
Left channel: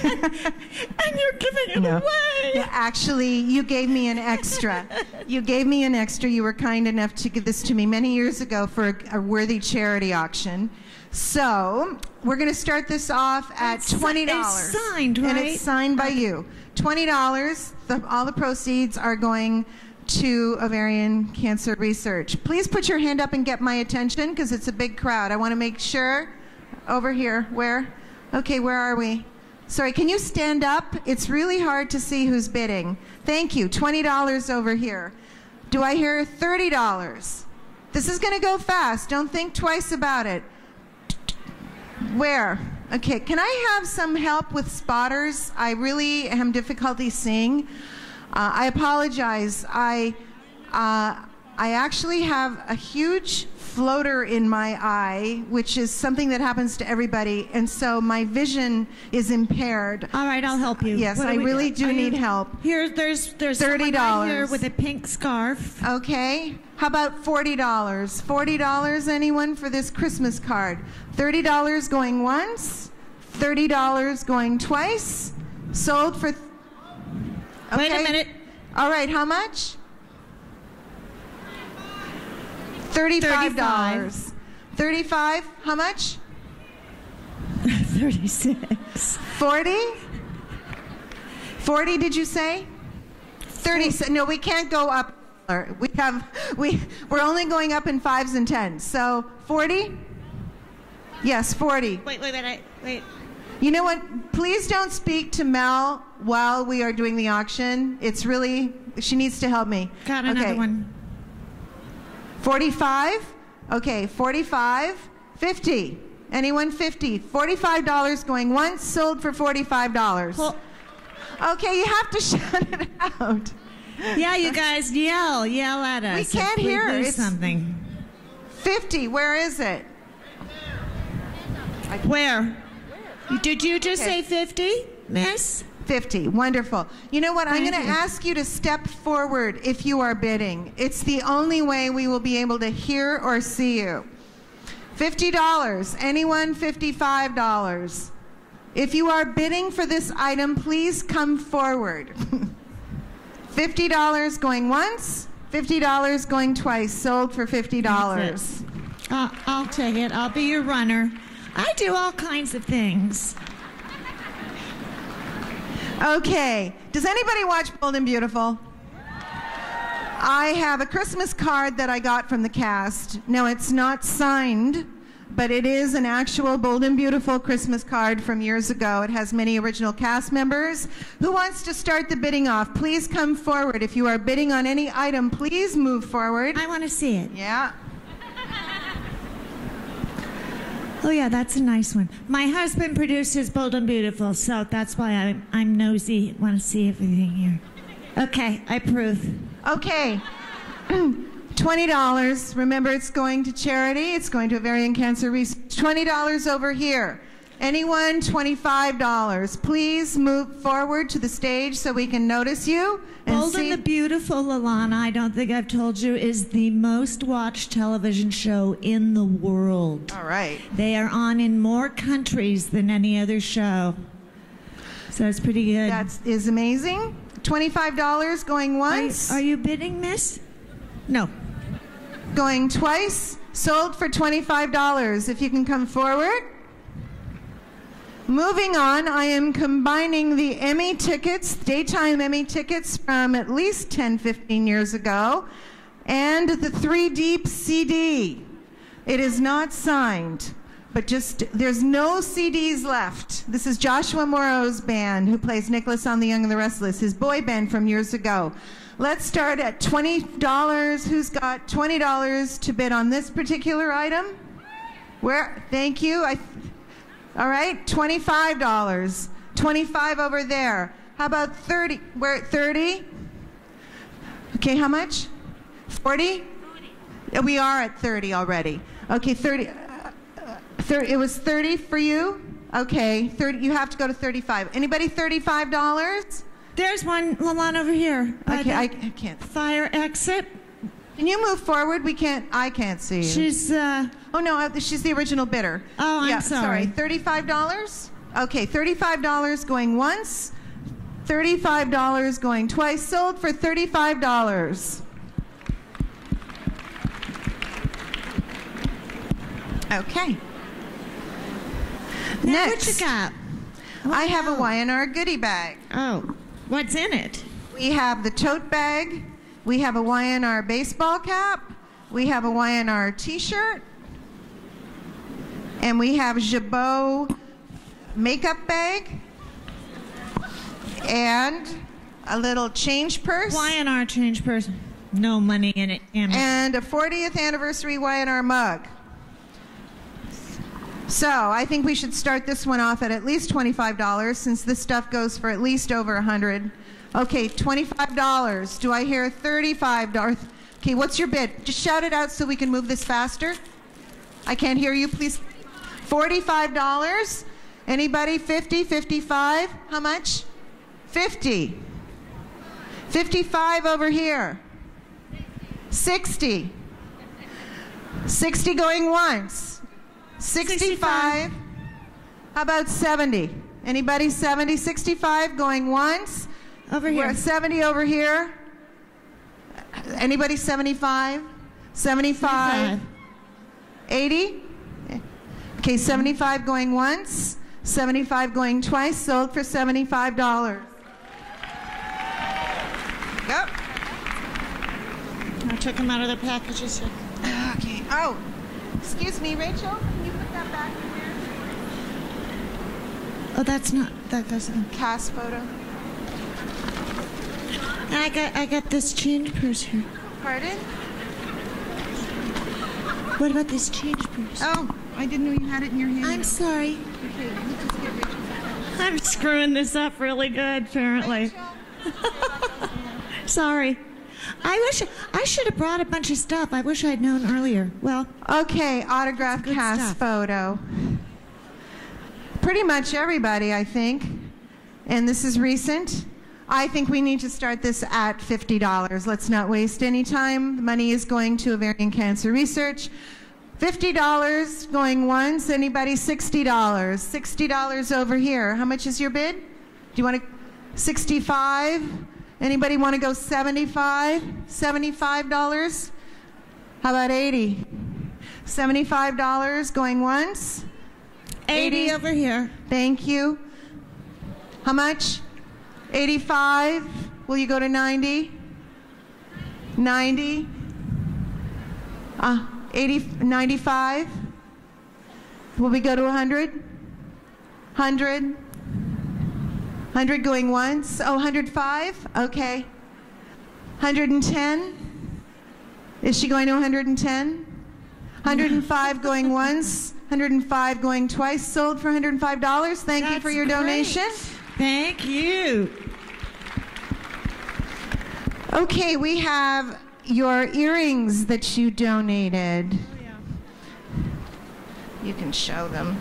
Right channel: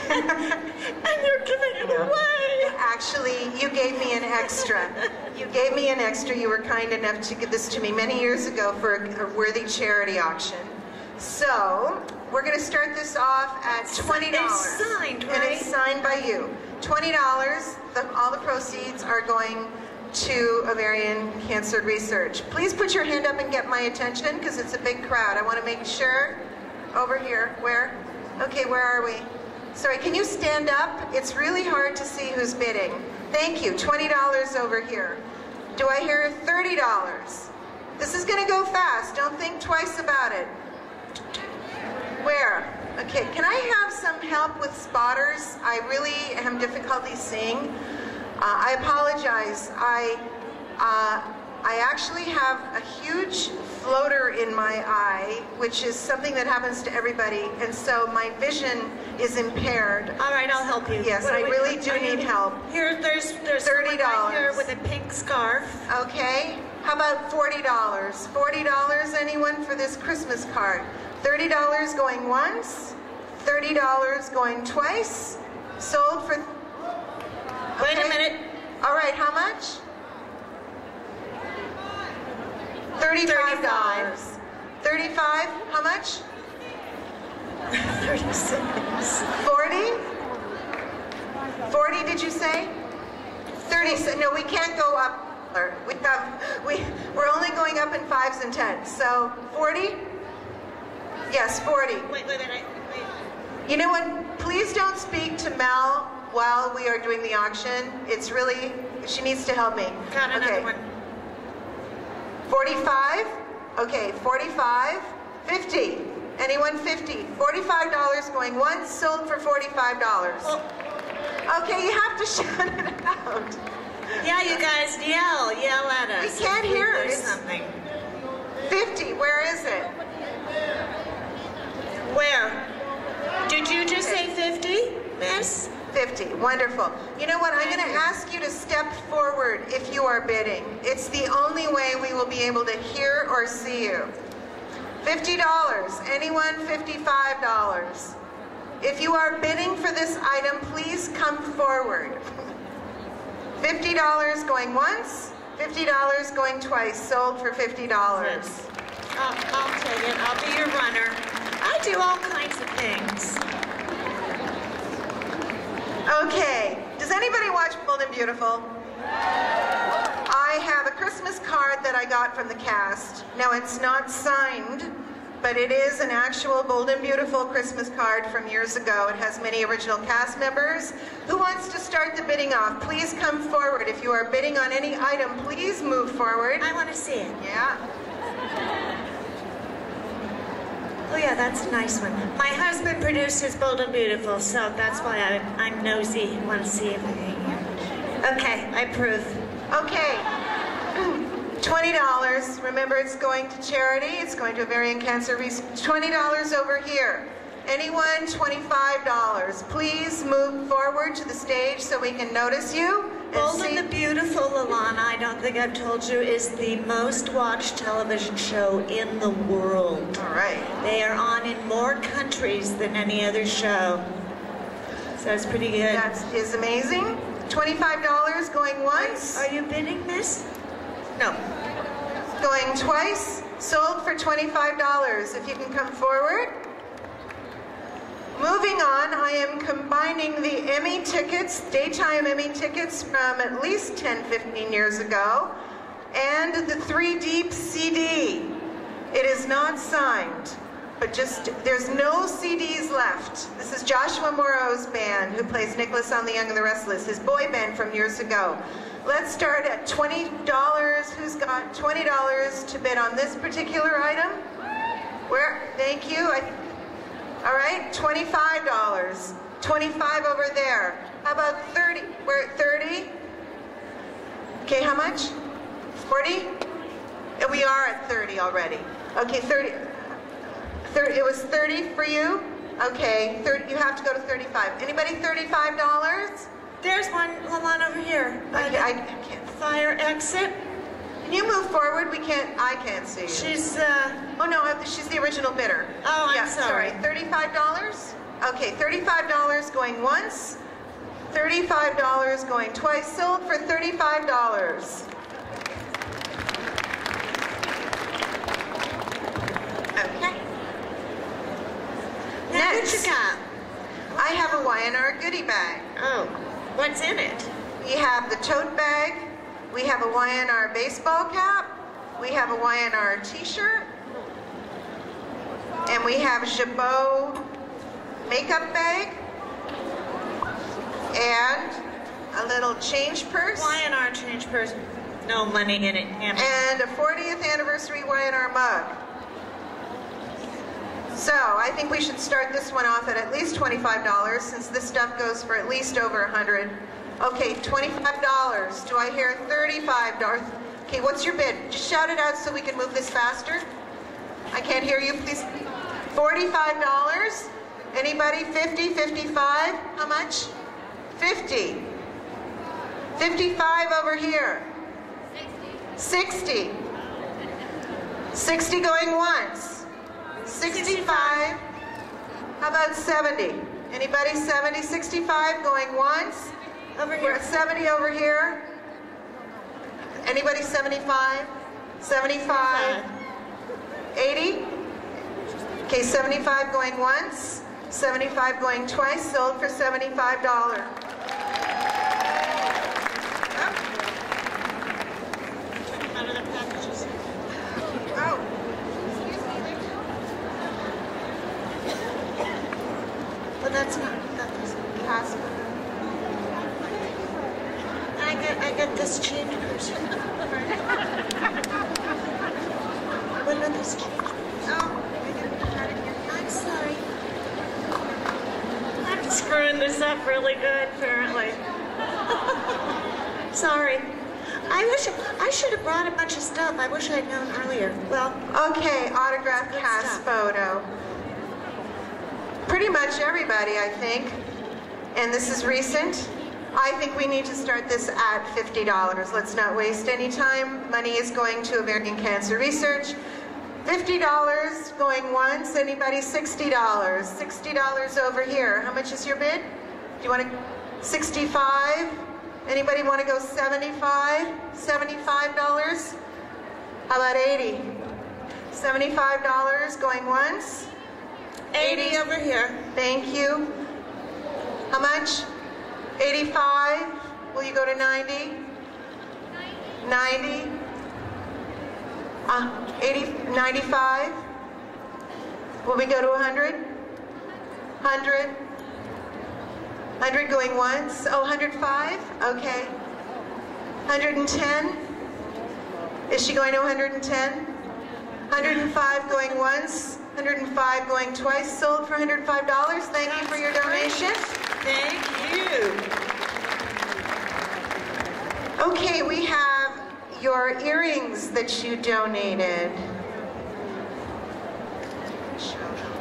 And you're giving it away. Yeah, actually, you gave me an extra. You gave me an extra. You were kind enough to give this to me many years ago for a worthy charity auction. So, we're going to start this off at $20. It's signed, right? And it's signed by you. $20. All the proceeds are going to ovarian cancer research. Please put your hand up and get my attention because it's a big crowd. I want to make sure. Over here. Where? Okay, where are we? Sorry, can you stand up? It's really hard to see who's bidding. Thank you. $20 over here. Do I hear $30? This is going to go fast. Don't think twice about it. Where? Okay, can I have some help with spotters? I really have difficulty seeing. I apologize. I actually have a huge floater in my eye, which is something that happens to everybody, and so my vision is impaired. All right, I'll help you. Yes, I really do need help. Here, there's $30 right here with a pink scarf. Okay, how about $40? $40, anyone, for this Christmas card? $30 going once, $30 going twice, sold for... Okay. Wait a minute. All right, how much? $35. 35, how much? 40? 40, did you say? 30, no, we can't go up. We're only going up in 5s and 10s. So, 40? Yes, 40. Wait. You know what? Please don't speak to Mel while we are doing the auction. It's really, she needs to help me. Okay. 45? Okay, 45. 50. Anyone 50? $45 going once, sold for $45. Okay, you have to shut it out. Yeah, you guys yell at us. We can't hear it. Something. 50, where is it? Where? Did you just say 50, miss? 50, wonderful. You know what, I'm going to ask you to step forward if you are bidding. It's the only way we will be able to hear or see you. $50, anyone $55. If you are bidding for this item, please come forward. $50 going once, $50 going twice, sold for $50. I'll take it, I'll be your runner. I do all kinds of things. Okay, does anybody watch Bold and Beautiful? I have a Christmas card that I got from the cast. Now, it's not signed, but it is an actual Bold and Beautiful Christmas card from years ago. It has many original cast members. Who wants to start the bidding off? Please come forward. If you are bidding on any item, please move forward. I want to see it. Yeah. Oh yeah, that's a nice one. My husband produces Bold and Beautiful, so that's why I'm nosy, want to see if I can hear. Okay, I approve. Okay. $20. Remember, it's going to charity. It's going to ovarian cancer research. $20 over here. Anyone? $25. Please move forward to the stage so we can notice you. Bold and Beautiful, Alana. I don't think think I've told you, is the most watched television show in the world. All right. They are on in more countries than any other show. So that's pretty good. That is amazing. $25 going once. Are you bidding this? No. Going twice. Sold for $25. If you can come forward. Moving on, I am combining the Emmy tickets, daytime Emmy tickets from at least 10, 15 years ago, and the 3 Deep CD. It is not signed, but there's no CDs left. This is Joshua Morrow's band, who plays Nicholas on the Young and The Restless, his boy band from years ago. Let's start at $20. Who's got $20 to bid on this particular item? Where? Thank you. All right, $25. 25 over there. How about 30? We're at 30. Okay, how much? 40? We are at 30 already. Okay, 30. It was 30 for you? Okay, 30. You have to go to 35. Anybody $35? There's one over here. Okay, I can't. Fire exit. Can you move forward? I can't see. She's, oh no, she's the original bidder. Oh, yeah, I'm sorry. $35? Okay, $35 going once. $35 going twice. Sold for $35. Okay. Next, I have a Y&R goodie bag. Oh, what's in it? We have the tote bag. We have a Y&R baseball cap. We have a Y&R t-shirt. And we have Jabot makeup bag. And a little change purse. Y&R change purse. No money in it. And a 40th anniversary Y&R mug. So I think we should start this one off at least $25, since this stuff goes for at least over $100. Okay, $25. Do I hear $35? Okay, what's your bid? Just shout it out so we can move this faster. I can't hear you, please. $45. Anybody? 50, 55? How much? 50. 55 over here. 60. 60 going once. 65. How about 70? Anybody? 70, 65 going once. Over here. 70 over here. Anybody 75? 75. 80? Okay, 75 going once. 75 going twice. Sold for $75. Go. I took them out of their packages. Okay. Oh, excuse me, Rachel. Oh, that doesn't. Cast photo. I got this change purse here. Pardon? What about this change purse? Oh, I didn't even have it in your hand. I'm sorry. I'm screwing this up really good, apparently. Sorry. I should have brought a bunch of stuff. I wish I had known earlier. Well, okay, autograph cast photo. Pretty much everybody, I think. And this is recent. I think we need to start this at $50. Let's not waste any time. Money is going to American Cancer Research. $50 going once. Anybody? $60. $60 over here. How much is your bid? Do you want to? 65. Anybody want to go 75? $75. How about 80? $75 going once. 80 over here. Thank you. How much? 85. Will you go to 90? 90. 80, 95. Will we go to 100? 100. 100 going once. Oh, 105? Okay. 110. Is she going to 110? 105 going once. 105 going twice. Sold for $105. Thank you for your donation. Thank you. Okay, we have your earrings that you donated. You can show them.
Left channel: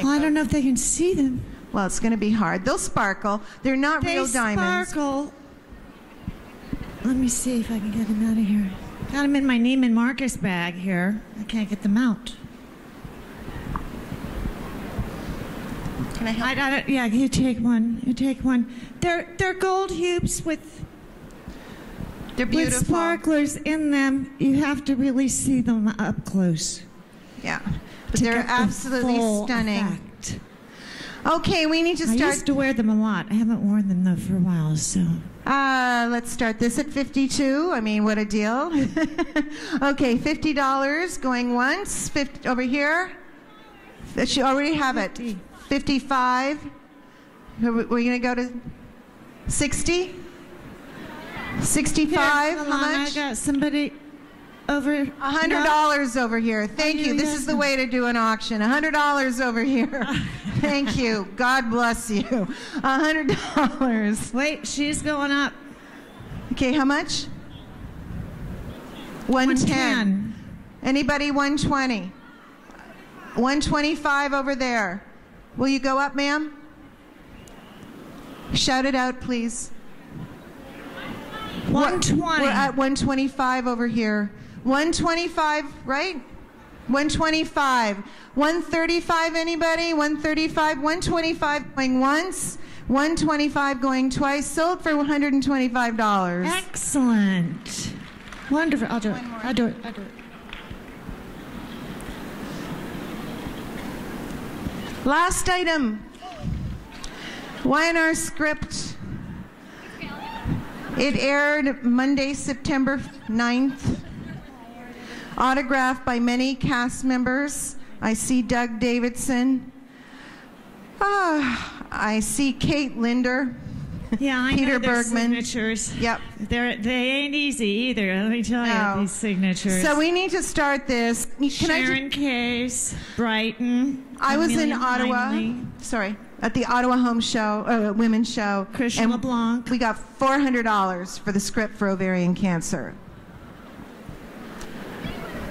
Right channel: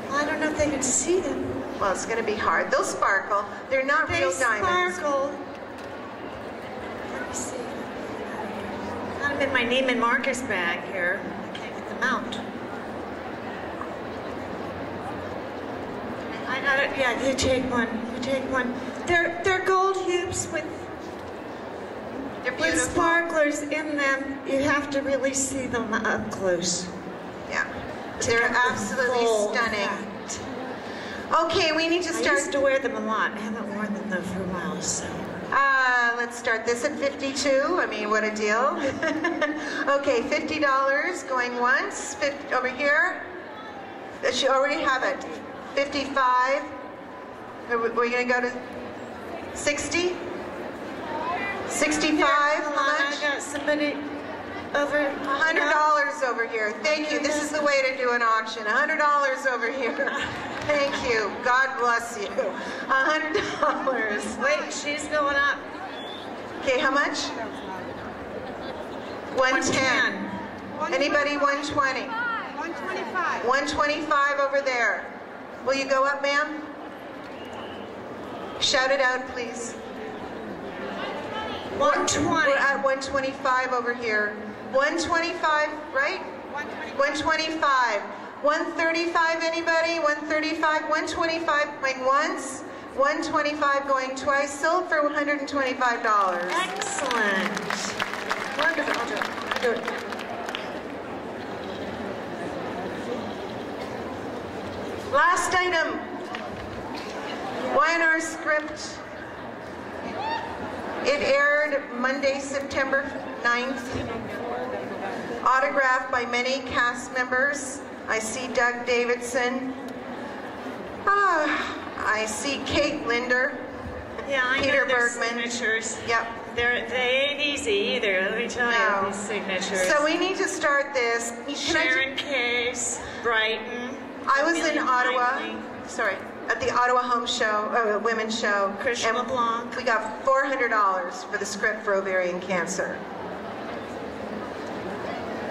Well, I don't know if they can see them. Well, it's going to be hard. They'll sparkle. They're not real diamonds. Sparkle. let me see if I can get them out of here. Got them in my Neiman Marcus bag here. I can't get them out. Can I help? I got it. Yeah, you take one. You take one. They're gold hoops with sparklers in them. You have to really see them up close. Yeah. But they're absolutely stunning. Okay, we need to start. I used to wear them a lot. I haven't worn them though for a while, so. Let's start this at 52. I mean, what a deal. Okay, $50 going once. Over here. She already have it. 55. We're going to go to 60. 65. I got somebody over. $100 over here. Thank you. This is the way to do an auction. $100 over here. Thank you. God bless you. $100. Wait, she's going up. Okay, how much? 110. Anybody 120? 125 over there. Will you go up, ma'am? Shout it out, please. 120. We're at 125 over here. 125, right? 125. 135, anybody? 135, 125 going once, 125 going twice, sold for $125. Excellent. Wonderful. I'll do it. Last item. Weiner script. It aired Monday, September 9th. Autographed by many cast members. I see Doug Davidson. I see Kate Linder. Yeah, I Peter know their Bergman. signatures. Yep. They ain't easy either, let me tell you, these signatures. So we need to start this. Sharon Case, Brighton. I was in Ottawa. Sorry. At the Ottawa Home Show, Women's Show. Christian and Blanc. we got $400 for the script for ovarian cancer.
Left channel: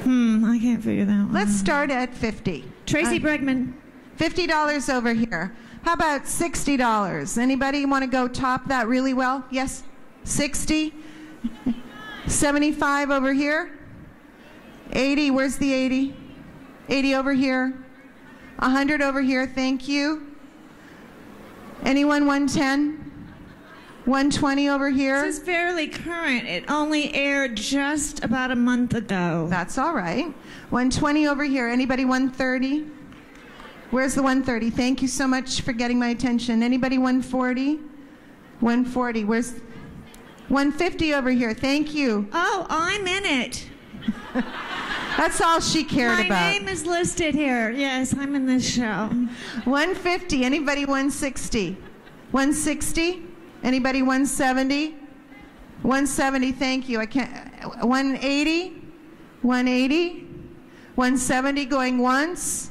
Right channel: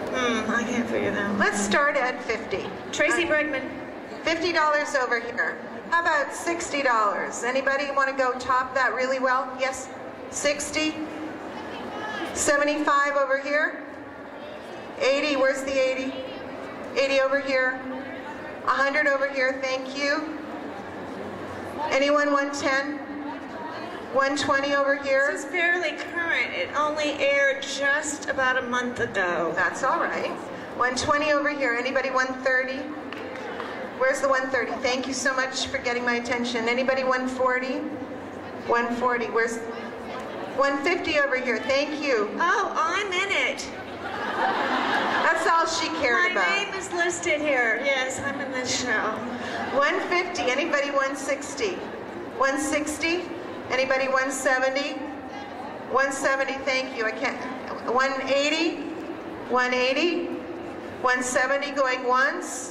I can't figure that. Let's start at 50. Tracy Bergman. $50 over here. How about $60? Anybody want to go top that really well? Yes? 60? 75 over here? 80, where's the 80? 80 over here. 100 over here, thank you. Anyone 110? 120 over here? This is fairly current. It only aired just about a month ago. That's all right. 120 over here. Anybody 130? Where's the 130? Thank you so much for getting my attention. Anybody 140? 140. Where's 150 over here? Thank you. Oh, I'm in it. That's all she cared about. My name is listed here. Yes, I'm in this show. 150. Anybody 160? 160? Anybody 170? 170, thank you. I can't. 180? 180? 170 going once?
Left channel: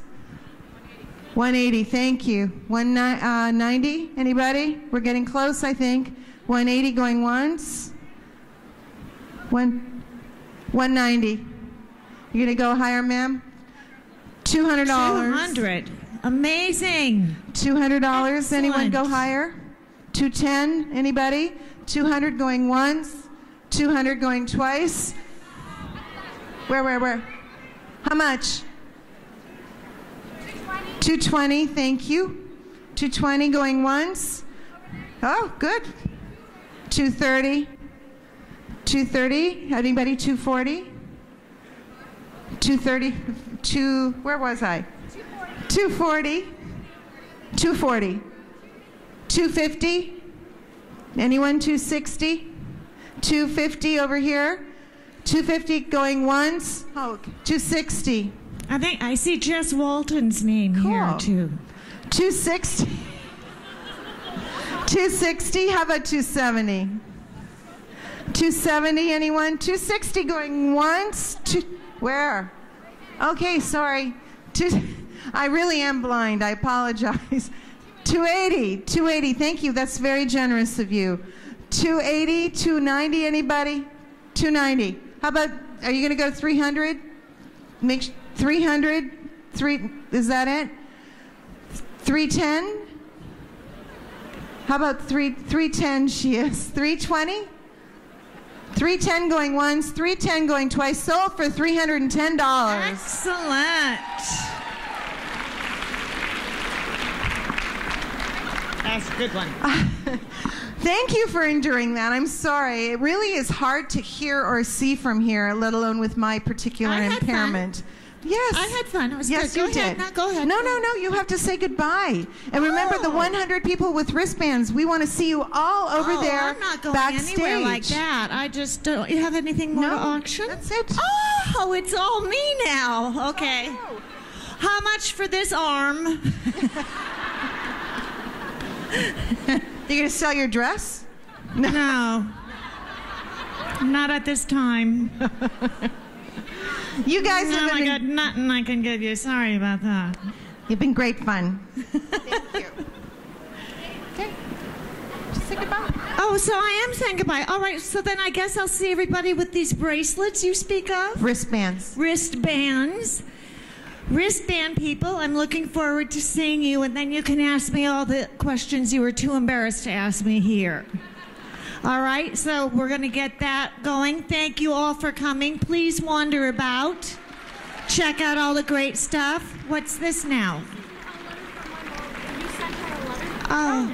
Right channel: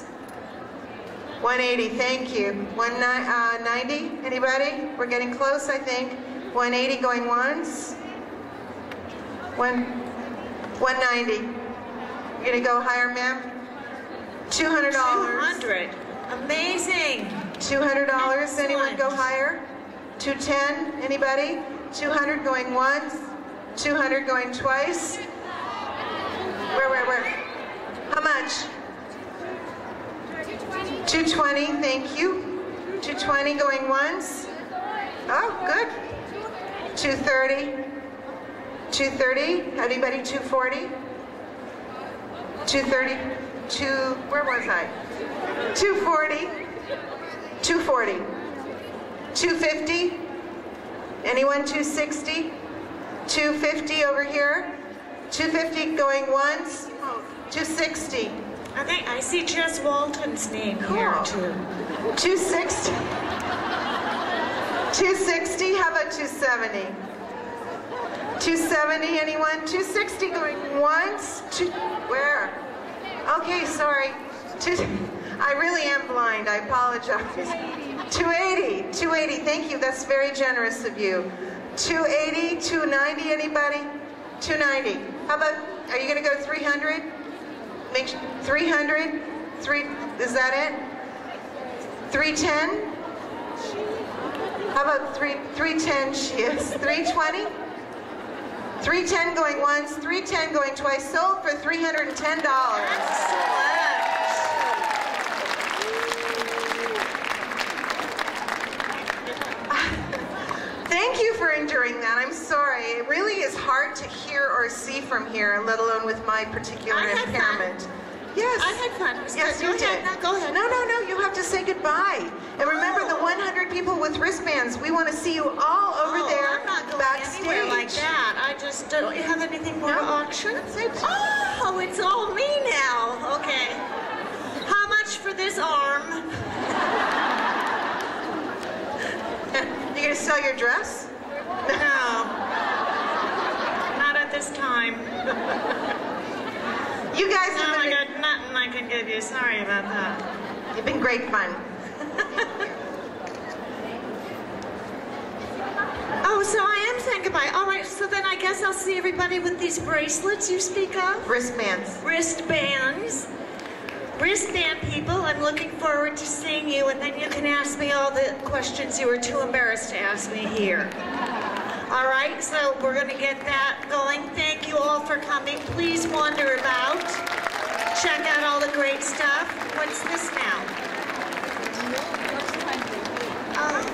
180, thank you. 190, anybody? We're getting close, I think. 180 going once? 190. You gonna go higher, ma'am? $200. 200. Amazing. $200. Anyone go higher? 210. Anybody? 200 going once. 200 going twice. Where? How much? 220. Thank you. 220 going once. Oh, good. 230. 230. Anybody? 240. 230. Where was I? 240. 240. 250. Anyone 260? 250 over here. 250 going once. Oh, 260. I think I see Jess Walton's name here too. 260. 260. How about 270? 270. Anyone? 260 going once. Where? Okay, sorry. I really am blind. I apologize. 280. 280. Thank you. That's very generous of you. 280. 290. Anybody? 290. How about? Are you gonna go 300? 300. Is that it? 310. How about 310? She is 320. 310 going once, 310 going twice, sold for $310. Excellent. That's a good one. Thank you for enduring that. I'm sorry. It really is hard to hear or see from here, let alone with my particular impairment. Yes. I had fun. Yes, you did. Go ahead. No, you have to say goodbye. And remember the 100 people with wristbands. We want to see you all over there I'm not going backstage. anywhere like that. I just don't. You have anything more auctions? Oh, it's all me now. Okay. How much for this arm? You gonna sell your dress? No. Not at this time. You guys I got nothing I can give you. Sorry about that. You've been great fun. Oh, so I am saying goodbye. All right, so then I guess I'll see everybody with these bracelets you speak of. Wristbands. Wristbands. Wristband people, I'm looking forward to seeing you, and then you can ask me all the questions you were too embarrassed to ask me here. All right, so we're going to get that going. Thank you all for coming. Please wander about. Check out all the great stuff. What's this now? Oh,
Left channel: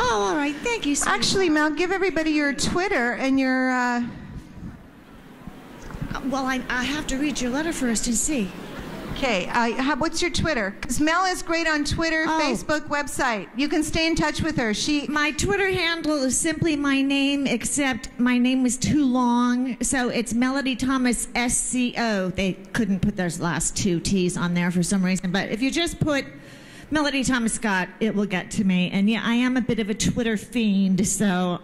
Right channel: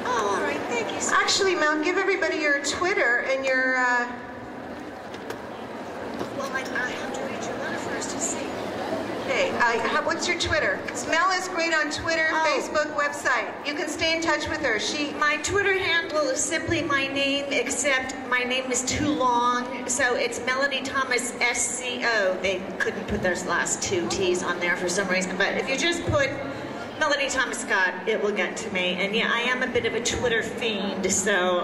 all right, thank you so much. Actually, Mel, give everybody your Twitter and your... Well, I have to read your letter first and see. Okay, what's your Twitter? Because Mel is great on Twitter, Facebook, website. You can stay in touch with her. My Twitter handle is simply my name, except my name is too long, so it's Melody Thomas SCO. They couldn't put those last two T's on there for some reason, but if you just put Melody Thomas Scott, it will get to me. And yeah, I am a bit of a Twitter fiend, so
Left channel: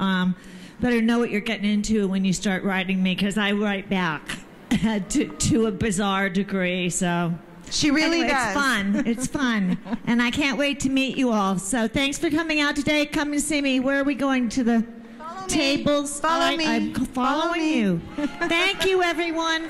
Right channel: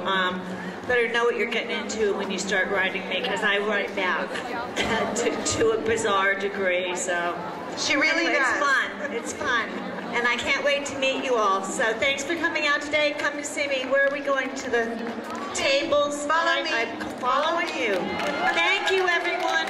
better know what you're getting into when you start writing me, because I write back to a bizarre degree, so... She really does. It's fun. It's fun. And I can't wait to meet you all. So thanks for coming out today. Come to see me. Where are we going? To the tables? Follow me. I'm following you. Thank you, everyone.